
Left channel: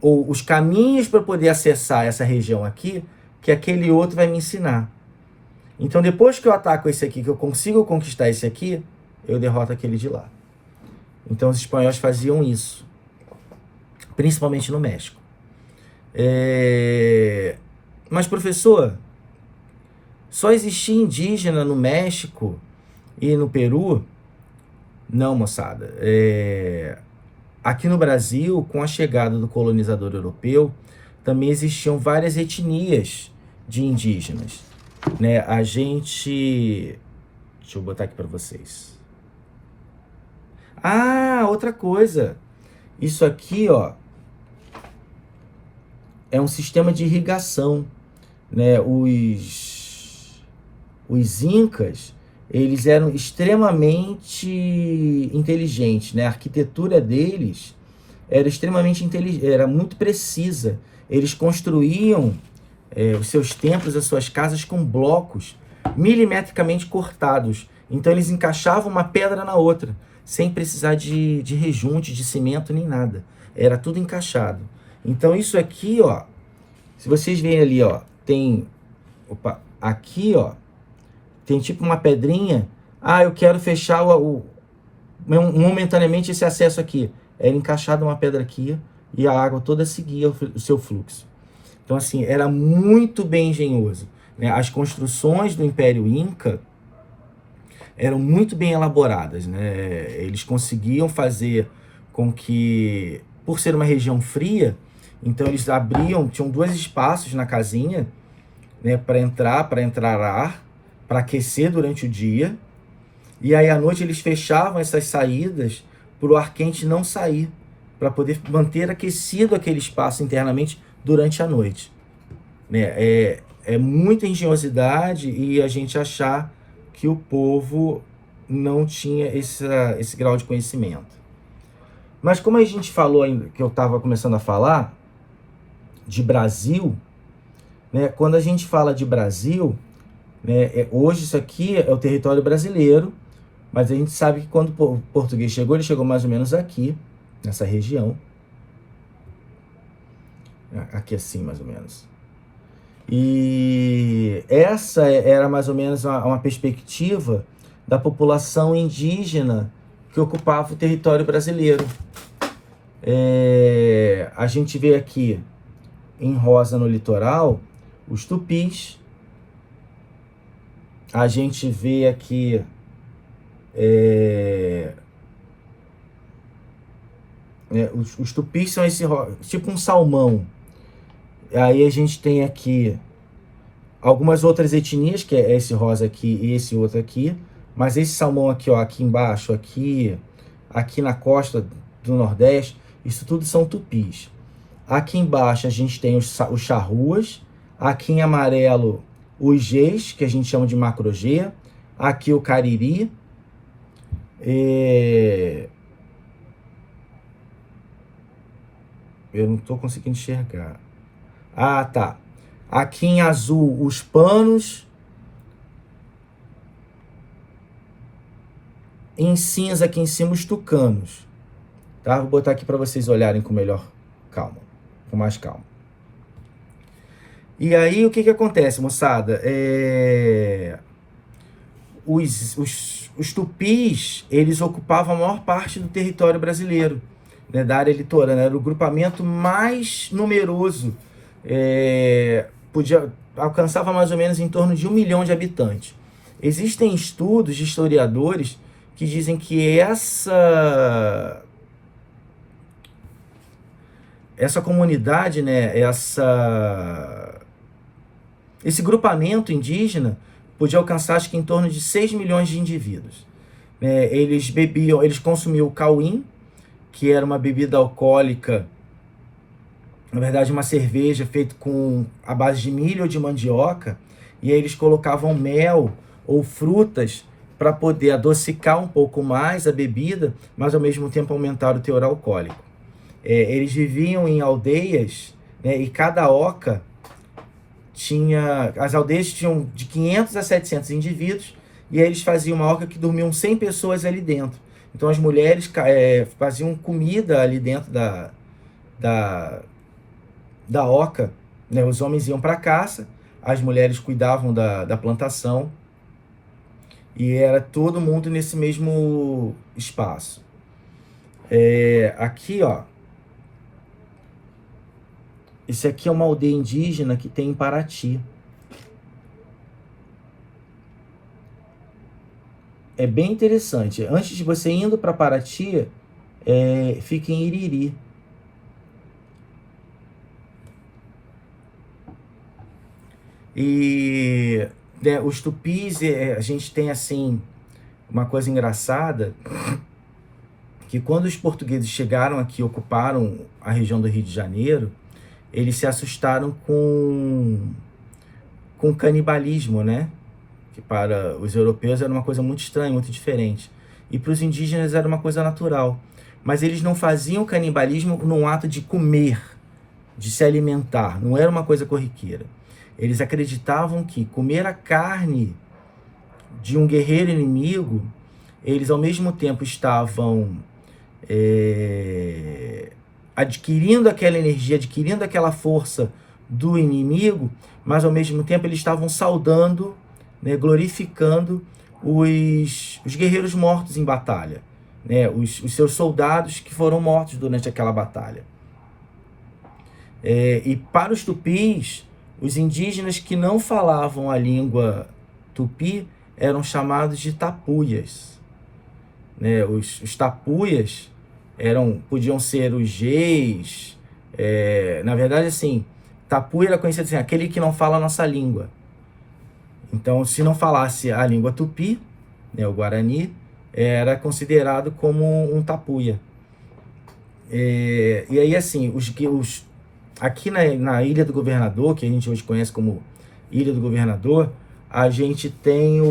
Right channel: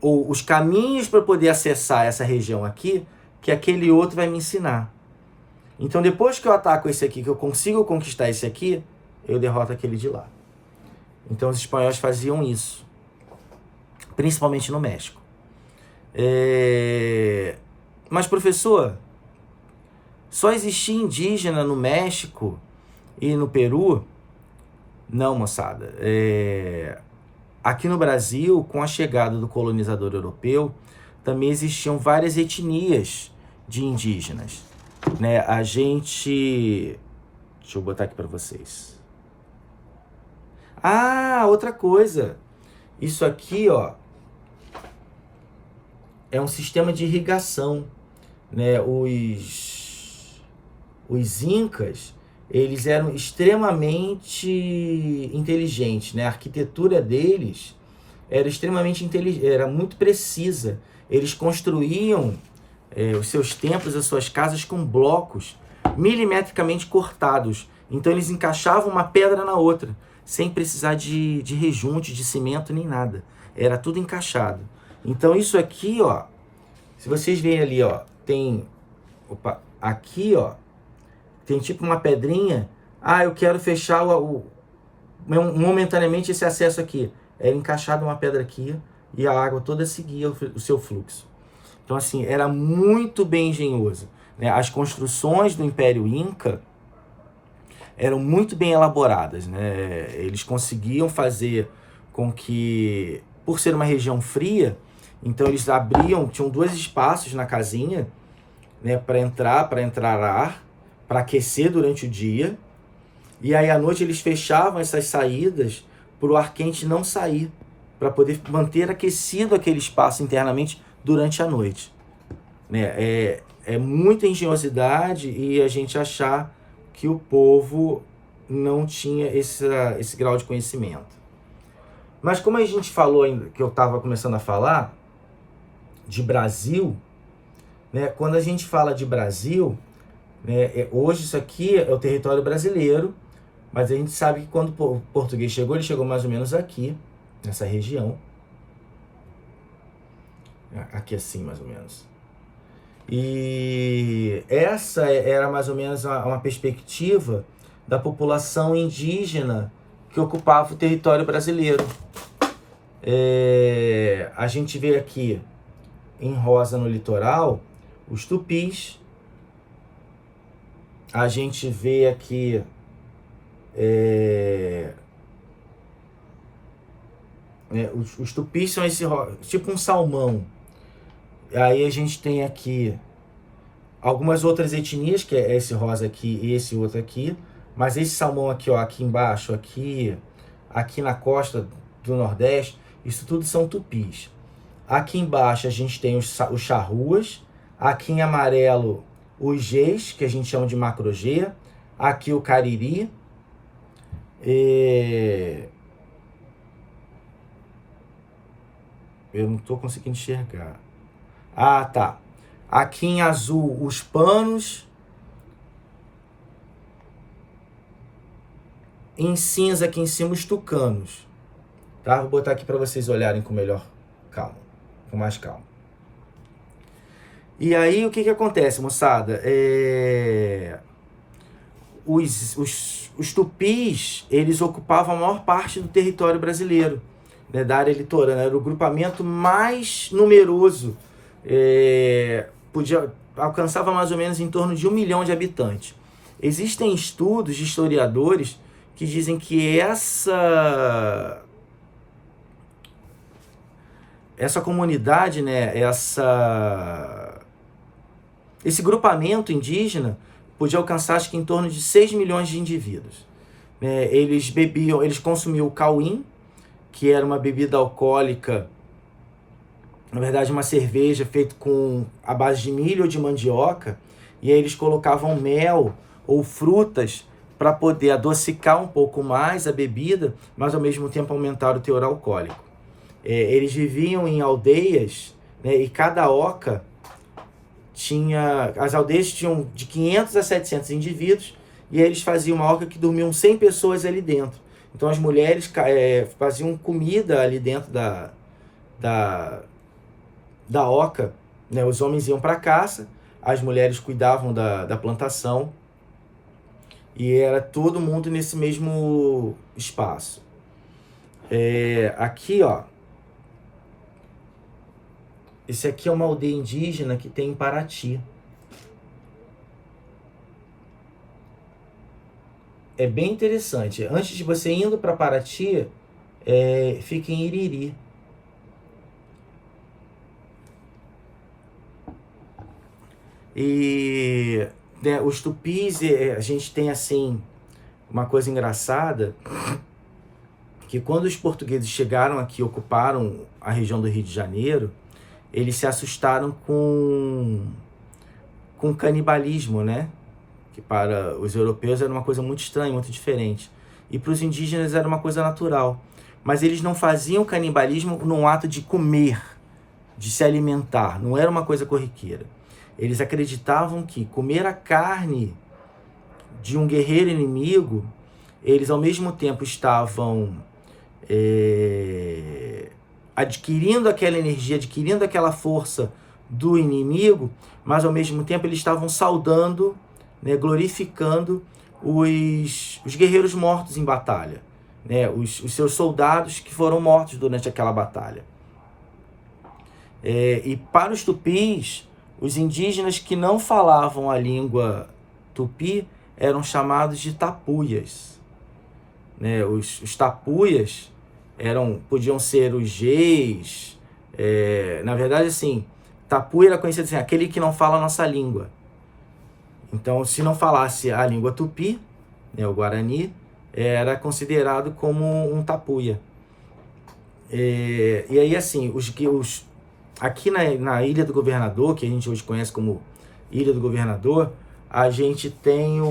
ou os caminhos para poder acessar essa região aqui, que aquele outro vai me ensinar. Então, depois que eu ataco esse aqui, que eu consigo conquistar esse aqui, eu derroto aquele de lá. Então, os espanhóis faziam isso, principalmente no México. Mas, professor, só existia indígena no México e no Peru? Não, moçada. Aqui no Brasil, com a chegada do colonizador europeu, também existiam várias etnias de indígenas, né? Deixa eu botar aqui para vocês. Outra coisa. Isso aqui, ó, é um sistema de irrigação, né? Os incas, eles eram extremamente inteligentes, né? A arquitetura deles era extremamente inteligente, era muito precisa. Eles construíam os seus templos, as suas casas com blocos milimetricamente cortados. Então eles encaixavam uma pedra na outra, sem precisar de rejunte, de cimento, nem nada. Era tudo encaixado. Então isso aqui, ó, se vocês veem ali, ó, tem... aqui, ó, tem tipo uma pedrinha. Eu quero fechar momentaneamente esse acesso aqui. Era encaixado uma pedra aqui e a água toda seguia o seu fluxo. Então, assim, era muito bem engenhoso, né? As construções do Império Inca eram muito bem elaboradas, né? Eles conseguiam fazer com que, por ser uma região fria, então eles tinham 2 espaços na casinha, né, para entrar ar, para aquecer durante o dia, e aí à noite eles fechavam essas saídas para o ar quente não sair, para poder manter aquecido aquele espaço internamente durante a noite, né? É muita engenhosidade e a gente achar que o povo não tinha esse grau de conhecimento. Mas como a gente falou ainda, que eu estava começando a falar de Brasil, né? Quando a gente fala de Brasil, né, hoje isso aqui é o território brasileiro, mas a gente sabe que quando o português chegou, ele chegou mais ou menos aqui, nessa região. Aqui assim, mais ou menos. E essa era mais ou menos uma perspectiva da população indígena que ocupava o território brasileiro. A gente vê aqui, em rosa no litoral, os tupis. A gente vê aqui os tupis são esse tipo um salmão. Aí a gente tem aqui algumas outras etnias, que é esse rosa aqui e esse outro aqui. Mas esse salmão aqui, ó, aqui embaixo, aqui na costa do Nordeste, isso tudo são tupis. Aqui embaixo a gente tem os charruas. Aqui em amarelo, os Gês, que a gente chama de macro-G. Aqui o cariri. Eu não estou conseguindo enxergar. Tá. Aqui em azul, os panos. Em cinza, aqui em cima, os tucanos. Tá? Vou botar aqui para vocês olharem com mais calma. E aí, o que acontece, moçada? Os tupis, eles ocupavam a maior parte do território brasileiro, né, da área litorânea. Era o grupamento mais numeroso. Alcançava mais ou menos em torno de 1 milhão de habitantes. Existem estudos de historiadores que dizem que essa comunidade, né, esse grupamento indígena podia alcançar, acho que em torno de 6 milhões de indivíduos. né, eles consumiam o cauim, que era uma bebida alcoólica, na verdade uma cerveja feita com a base de milho ou de mandioca, e aí eles colocavam mel ou frutas para poder adocicar um pouco mais a bebida, mas ao mesmo tempo aumentar o teor alcoólico. Eles viviam em aldeias, né, e cada oca as aldeias tinham de 500 a 700 indivíduos, e aí eles faziam uma oca que dormiam 100 pessoas ali dentro. Então as mulheres faziam comida ali dentro da, da oca, né? Os homens iam para caça, as mulheres cuidavam da plantação, e era todo mundo nesse mesmo espaço. Aqui, ó, esse aqui é uma aldeia indígena que tem em Paraty. É bem interessante. Antes de você indo para Paraty, fica em Iriri. E né, os tupis, a gente tem assim uma coisa engraçada, que quando os portugueses chegaram aqui, ocuparam a região do Rio de Janeiro, eles se assustaram com canibalismo, né? Que para os europeus era uma coisa muito estranha, muito diferente. E para os indígenas era uma coisa natural. Mas eles não faziam canibalismo num ato de comer, de se alimentar. Não era uma coisa corriqueira. Eles acreditavam que comer a carne de um guerreiro inimigo, eles ao mesmo tempo estavam adquirindo aquela energia, adquirindo aquela força do inimigo, mas ao mesmo tempo eles estavam saudando, né, glorificando os guerreiros mortos em batalha, né, os seus soldados que foram mortos durante aquela batalha. E para os tupis, os indígenas que não falavam a língua tupi eram chamados de tapuias, né? Os tapuias podiam ser os geis, na verdade, assim, tapuia era conhecido assim, aquele que não fala a nossa língua. Então, se não falasse a língua tupi, né, o guarani, era considerado como um tapuia. E aí, assim, aqui na Ilha do Governador, que a gente hoje conhece como Ilha do Governador, a gente tem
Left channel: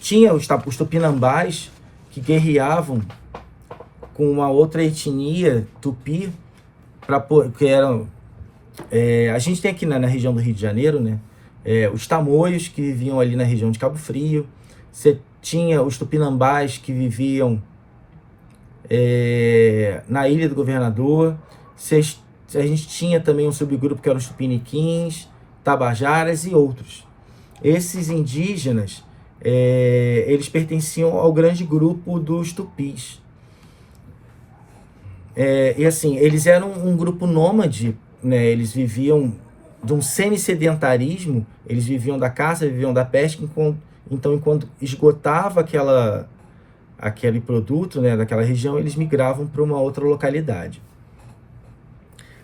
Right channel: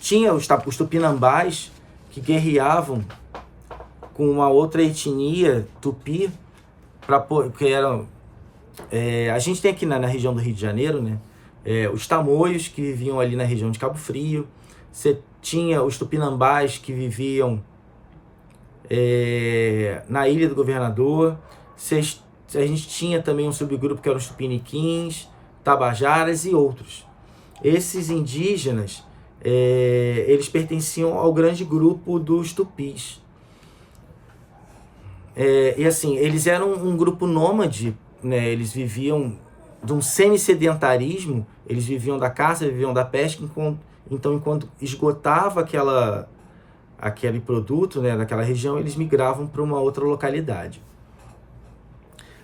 tinha os tupinambás que guerreavam com uma outra etnia tupi, que eram... a gente tem aqui na região do Rio de Janeiro, né, os tamoios que viviam ali na região de Cabo Frio. Você tinha os tupinambás que viviam na Ilha do Governador. A gente tinha também um subgrupo que eram os tupiniquins, tabajaras e outros. Esses indígenas, eles pertenciam ao grande grupo dos tupis. E assim, eles eram um grupo nômade, né? Eles viviam de um semi-sedentarismo, eles viviam da caça, viviam da pesca, então enquanto esgotava aquele produto, né, daquela região, eles migravam para uma outra localidade.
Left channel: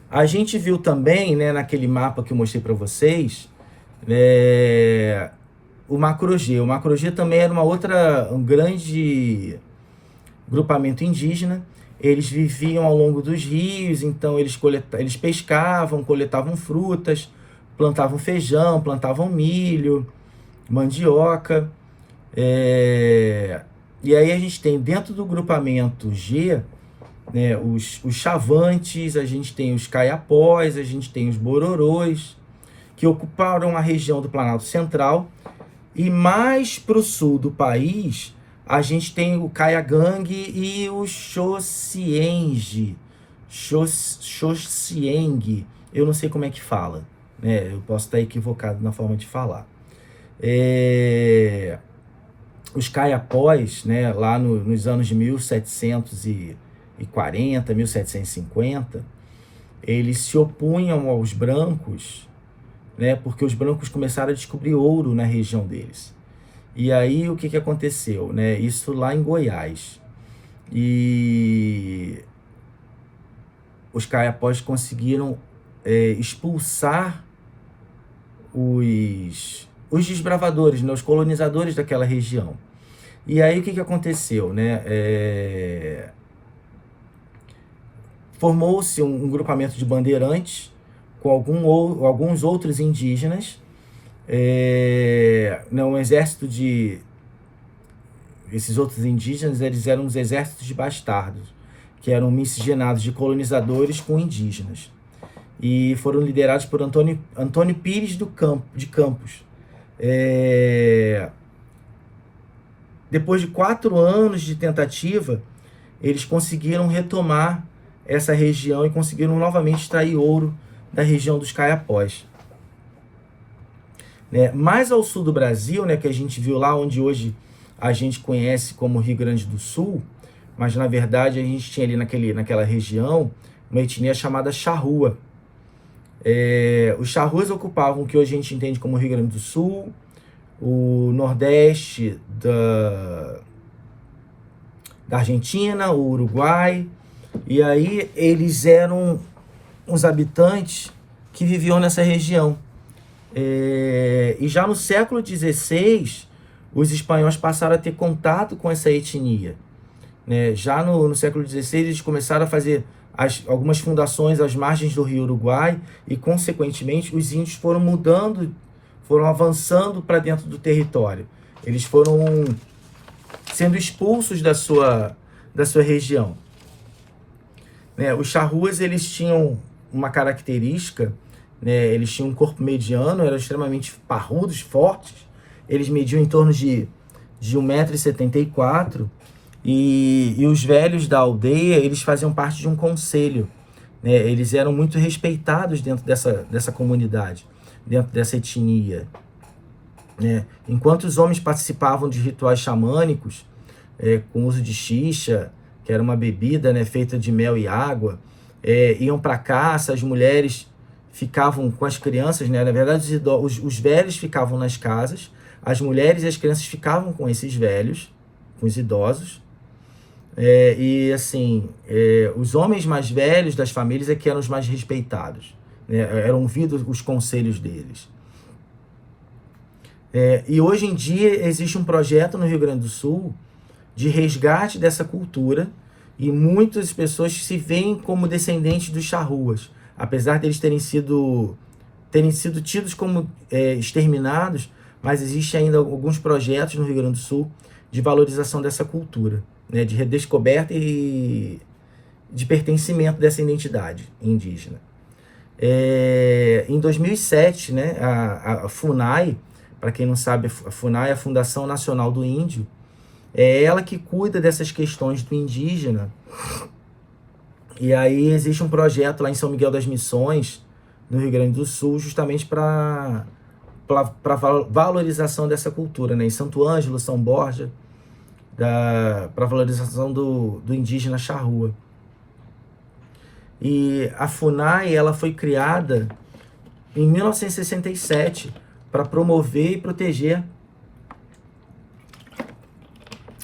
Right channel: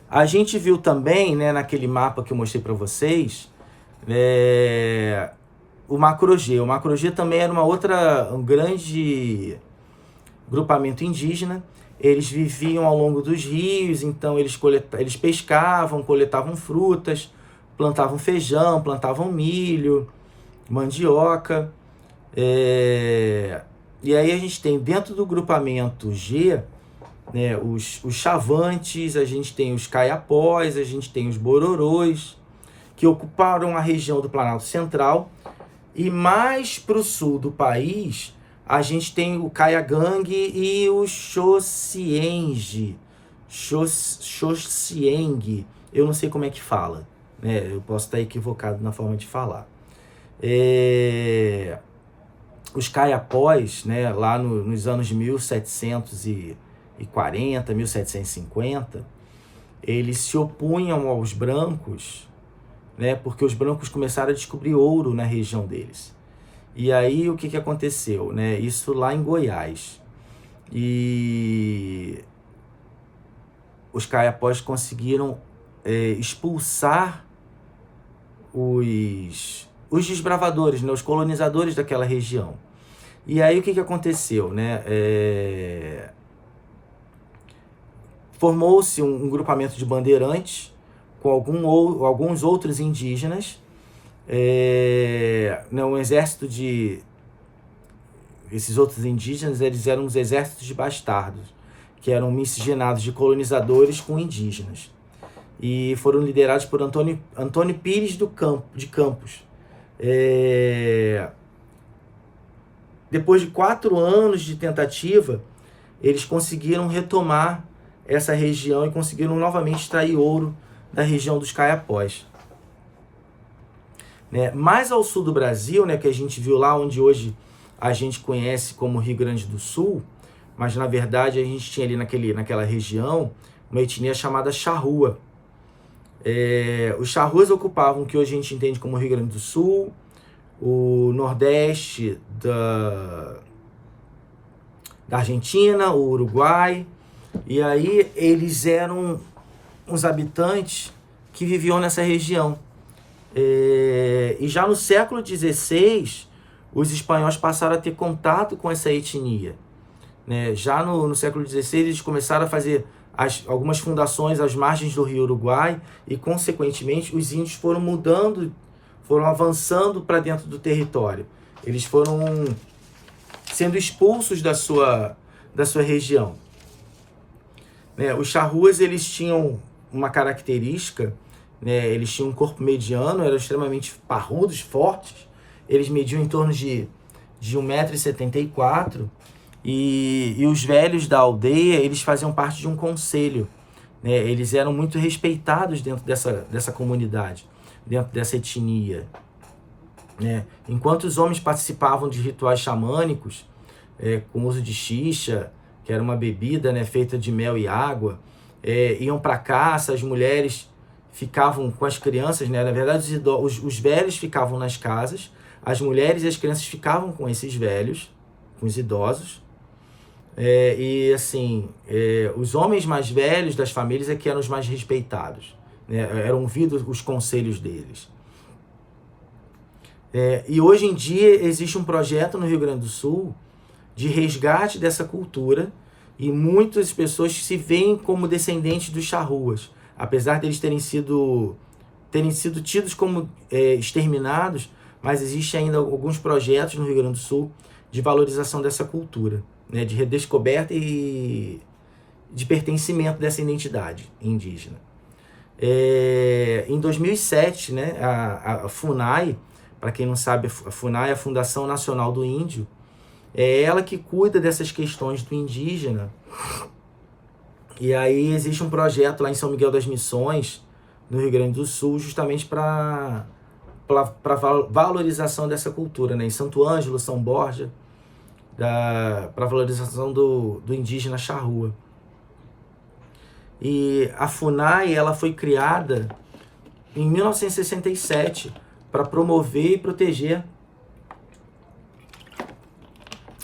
A gente viu também, né, naquele mapa que eu mostrei para vocês, o Macro-G. O Macro-G também era um grande grupamento indígena. Eles viviam ao longo dos rios, então eles pescavam, coletavam frutas, plantavam feijão, plantavam milho, mandioca. E aí a gente tem dentro do grupamento G, né, os chavantes, a gente tem os caiapós, a gente tem os bororôs, que ocuparam a região do Planalto Central. E mais para o sul do país, a gente tem o Caiagangue e o Xocienge. Xocienge. Eu não sei como é que fala, né? Eu posso estar equivocado na forma de falar. Os caiapós, né, lá nos anos de 1740, 1750, eles se opunham aos brancos, né, porque os brancos começaram a descobrir ouro na região deles. E aí o que aconteceu, né? Isso lá em Goiás. E os caiapós conseguiram expulsar os os desbravadores, né, os colonizadores daquela região. E aí o que aconteceu, né? Formou-se um grupamento de bandeirantes com alguns outros indígenas, né, um exército de... Esses outros indígenas, eles eram os exércitos de bastardos, que eram miscigenados de colonizadores com indígenas. E foram liderados por Antônio Pires de Campos. Depois de 4 anos de tentativa, eles conseguiram retomar essa região e conseguiram novamente extrair ouro da região dos Caiapós. Né? Mais ao sul do Brasil, né, que a gente viu lá onde hoje a gente conhece como Rio Grande do Sul, mas na verdade a gente tinha ali naquela região uma etnia chamada Charrua. Os Charruas ocupavam o que hoje a gente entende como Rio Grande do Sul, o Nordeste da Argentina, o Uruguai, e aí eles eram os habitantes que viviam nessa região. E já no século XVI, os espanhóis passaram a ter contato com essa etnia. Né? Já no século XVI, eles começaram a fazer algumas fundações às margens do rio Uruguai e, consequentemente, os índios foram mudando, foram avançando para dentro do território. Eles foram sendo expulsos da sua região. Né? Os charruas, eles tinham uma característica, né? Eles tinham um corpo mediano, eram extremamente parrudos, fortes. Eles mediam em torno de 1,74 m, e os velhos da aldeia, eles faziam parte de um conselho. Né? Eles eram muito respeitados dentro dessa comunidade, dentro dessa etnia. Né? Enquanto os homens participavam de rituais xamânicos, com uso de xixa, que era uma bebida, né, feita de mel e água, iam para caça, as mulheres ficavam com as crianças, né? Na verdade, os velhos ficavam nas casas, as mulheres e as crianças ficavam com esses velhos, com os idosos. E assim, os homens mais velhos das famílias é que eram os mais respeitados, né? Eram ouvidos os conselhos deles. E hoje em dia existe um projeto no Rio Grande do Sul de resgate dessa cultura, e muitas pessoas se veem como descendentes dos charruas, apesar de eles terem sido tidos como exterminados, mas existe ainda alguns projetos no Rio Grande do Sul de valorização dessa cultura, né, de redescoberta e de pertencimento dessa identidade indígena. Em 2007, né, a FUNAI, para quem não sabe, a FUNAI é a Fundação Nacional do Índio, é ela que cuida dessas questões do indígena. E aí existe um projeto lá em São Miguel das Missões, no Rio Grande do Sul, justamente para valorização dessa cultura, né? Em Santo Ângelo, São Borja, para valorização do indígena charrua. E a FUNAI, ela foi criada em 1967 para promover e proteger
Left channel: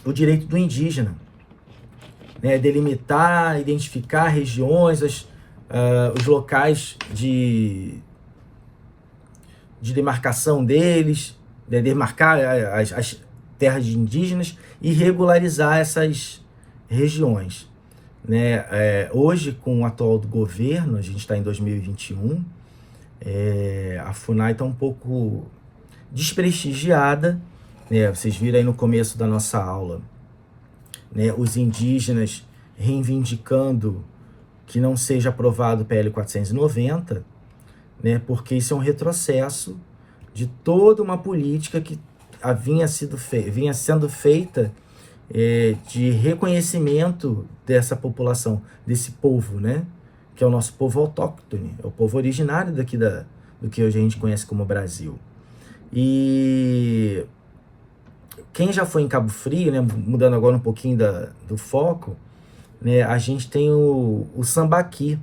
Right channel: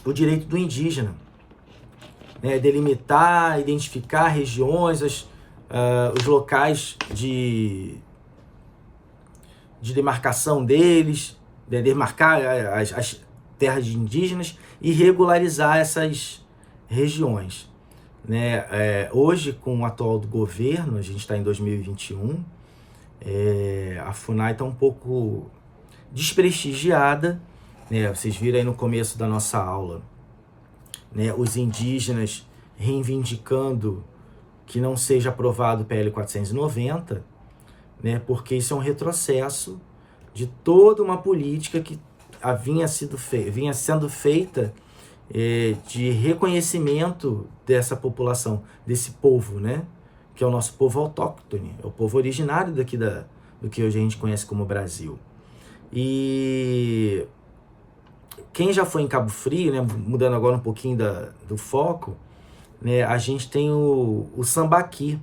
o direito do indígena, né? Delimitar, identificar regiões, os locais de demarcação deles, demarcar as terras indígenas e regularizar essas regiões. Né? Hoje, com o atual do governo, a gente está em 2021, a FUNAI está um pouco desprestigiada, né? Vocês viram aí no começo da nossa aula, né, os indígenas reivindicando que não seja aprovado o PL 490, né, porque isso é um retrocesso de toda uma política que vinha sendo feita de reconhecimento dessa população, desse povo, né, que é o nosso povo autóctone, é o povo originário daqui do que hoje a gente conhece como Brasil. E quem já foi em Cabo Frio, né, mudando agora um pouquinho do foco, né, a gente tem o sambaqui.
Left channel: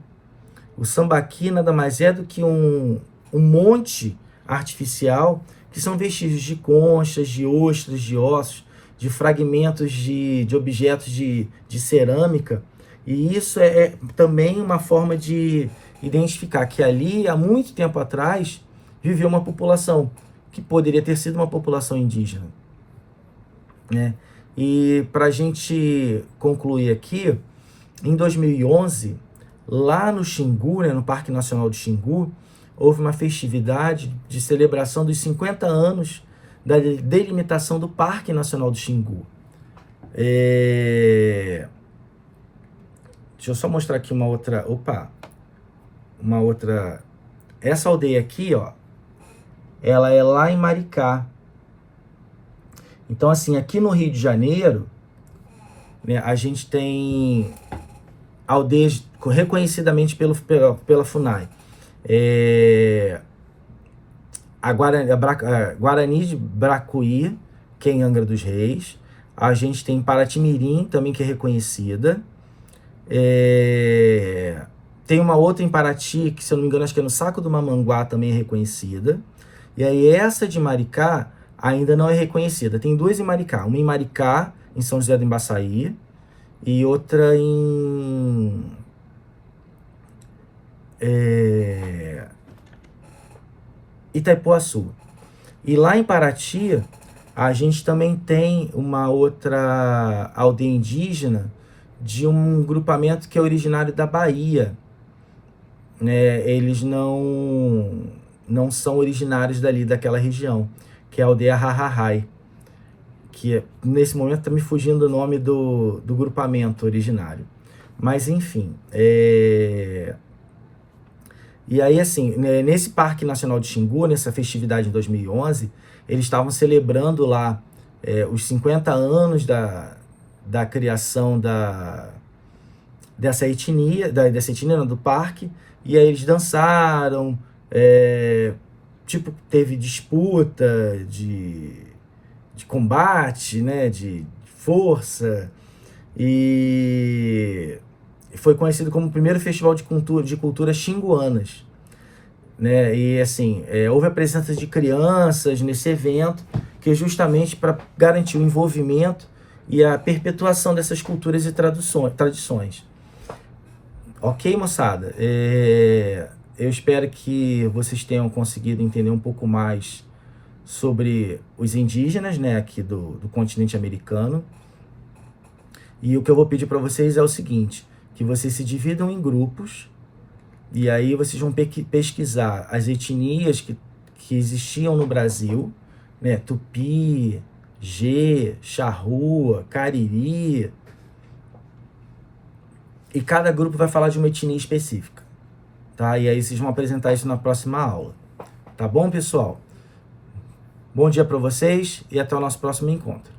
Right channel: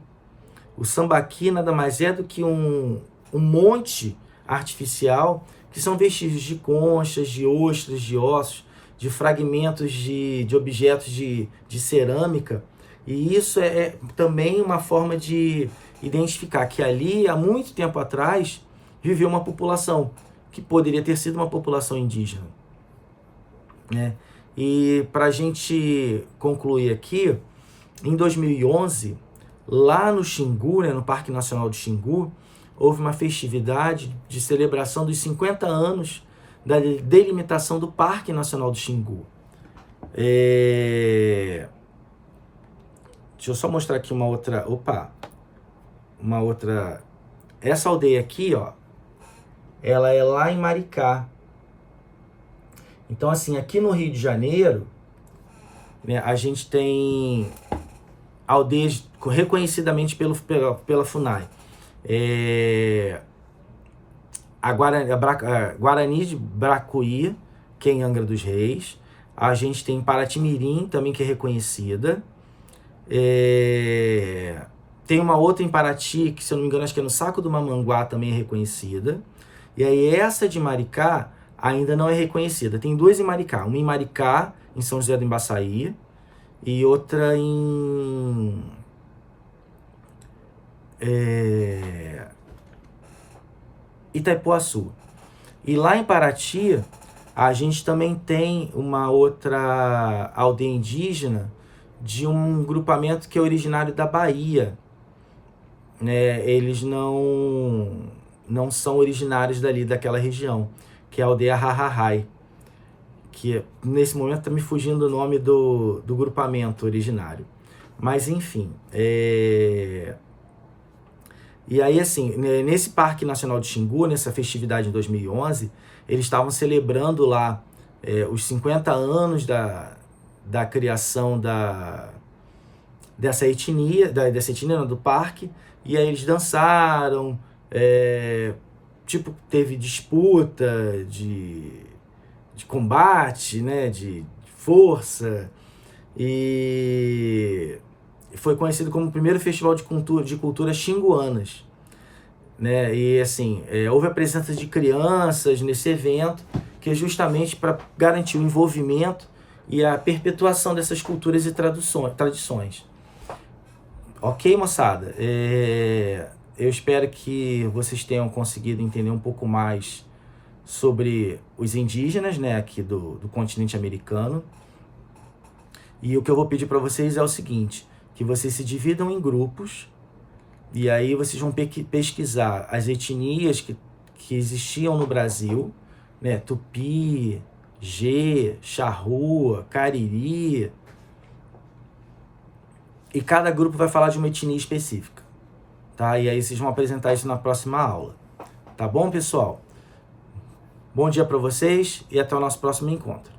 O sambaqui nada mais é do que um monte artificial, que são vestígios de conchas, de ostras, de ossos, de fragmentos de objetos de cerâmica. E isso é também uma forma de identificar que ali, há muito tempo atrás, viveu uma população que poderia ter sido uma população indígena, né? E para a gente concluir aqui, em 2011, lá no Xingu, né, no Parque Nacional do Xingu, houve uma festividade de celebração dos 50 anos da delimitação do Parque Nacional do Xingu. Deixa eu só mostrar aqui uma outra... Essa aldeia aqui, ó, ela é lá em Maricá. Então, assim, aqui no Rio de Janeiro, né, a gente tem aldeias reconhecidamente pela FUNAI. A Guarani de Bracuí, que é em Angra dos Reis. A gente tem Paraty-Mirim, também, que é reconhecida. Tem uma outra em Paraty, que, se eu não me engano, acho que é no Saco do Mamanguá, também é reconhecida. E aí essa de Maricá ainda não é reconhecida. Tem duas em Maricá. Uma em Maricá, em São José do Embaçaí, e outra em... Itaipuaçu. E lá em Paraty, a gente também tem uma outra aldeia indígena de um grupamento que é originário da Bahia, né? Eles não são originários dali, daquela região, que é a aldeia Rarrahai, que nesse momento está me fugindo o nome do grupamento originário. Mas enfim, E aí, assim, nesse Parque Nacional de Xingu, nessa festividade em 2011, eles estavam celebrando lá os 50 anos da criação dessa etnia do parque, e aí eles dançaram, tipo, teve disputa de combate, né, de força, e foi conhecido como o primeiro festival de culturas xinguanas, né? E assim, houve a presença de crianças nesse evento, que é justamente para garantir o envolvimento e a perpetuação dessas culturas e tradições. Ok, moçada? Eu espero que vocês tenham conseguido entender um pouco mais sobre os indígenas, né, aqui do continente americano. E o que eu vou pedir para vocês é o seguinte: que vocês se dividam em grupos, e aí vocês vão pesquisar as etnias que existiam no Brasil, né? Tupi, Gê, Charrua, Cariri. E cada grupo vai falar de uma etnia específica, tá? E aí vocês vão apresentar isso na próxima aula. Tá bom, pessoal? Bom dia para vocês e até o nosso próximo encontro.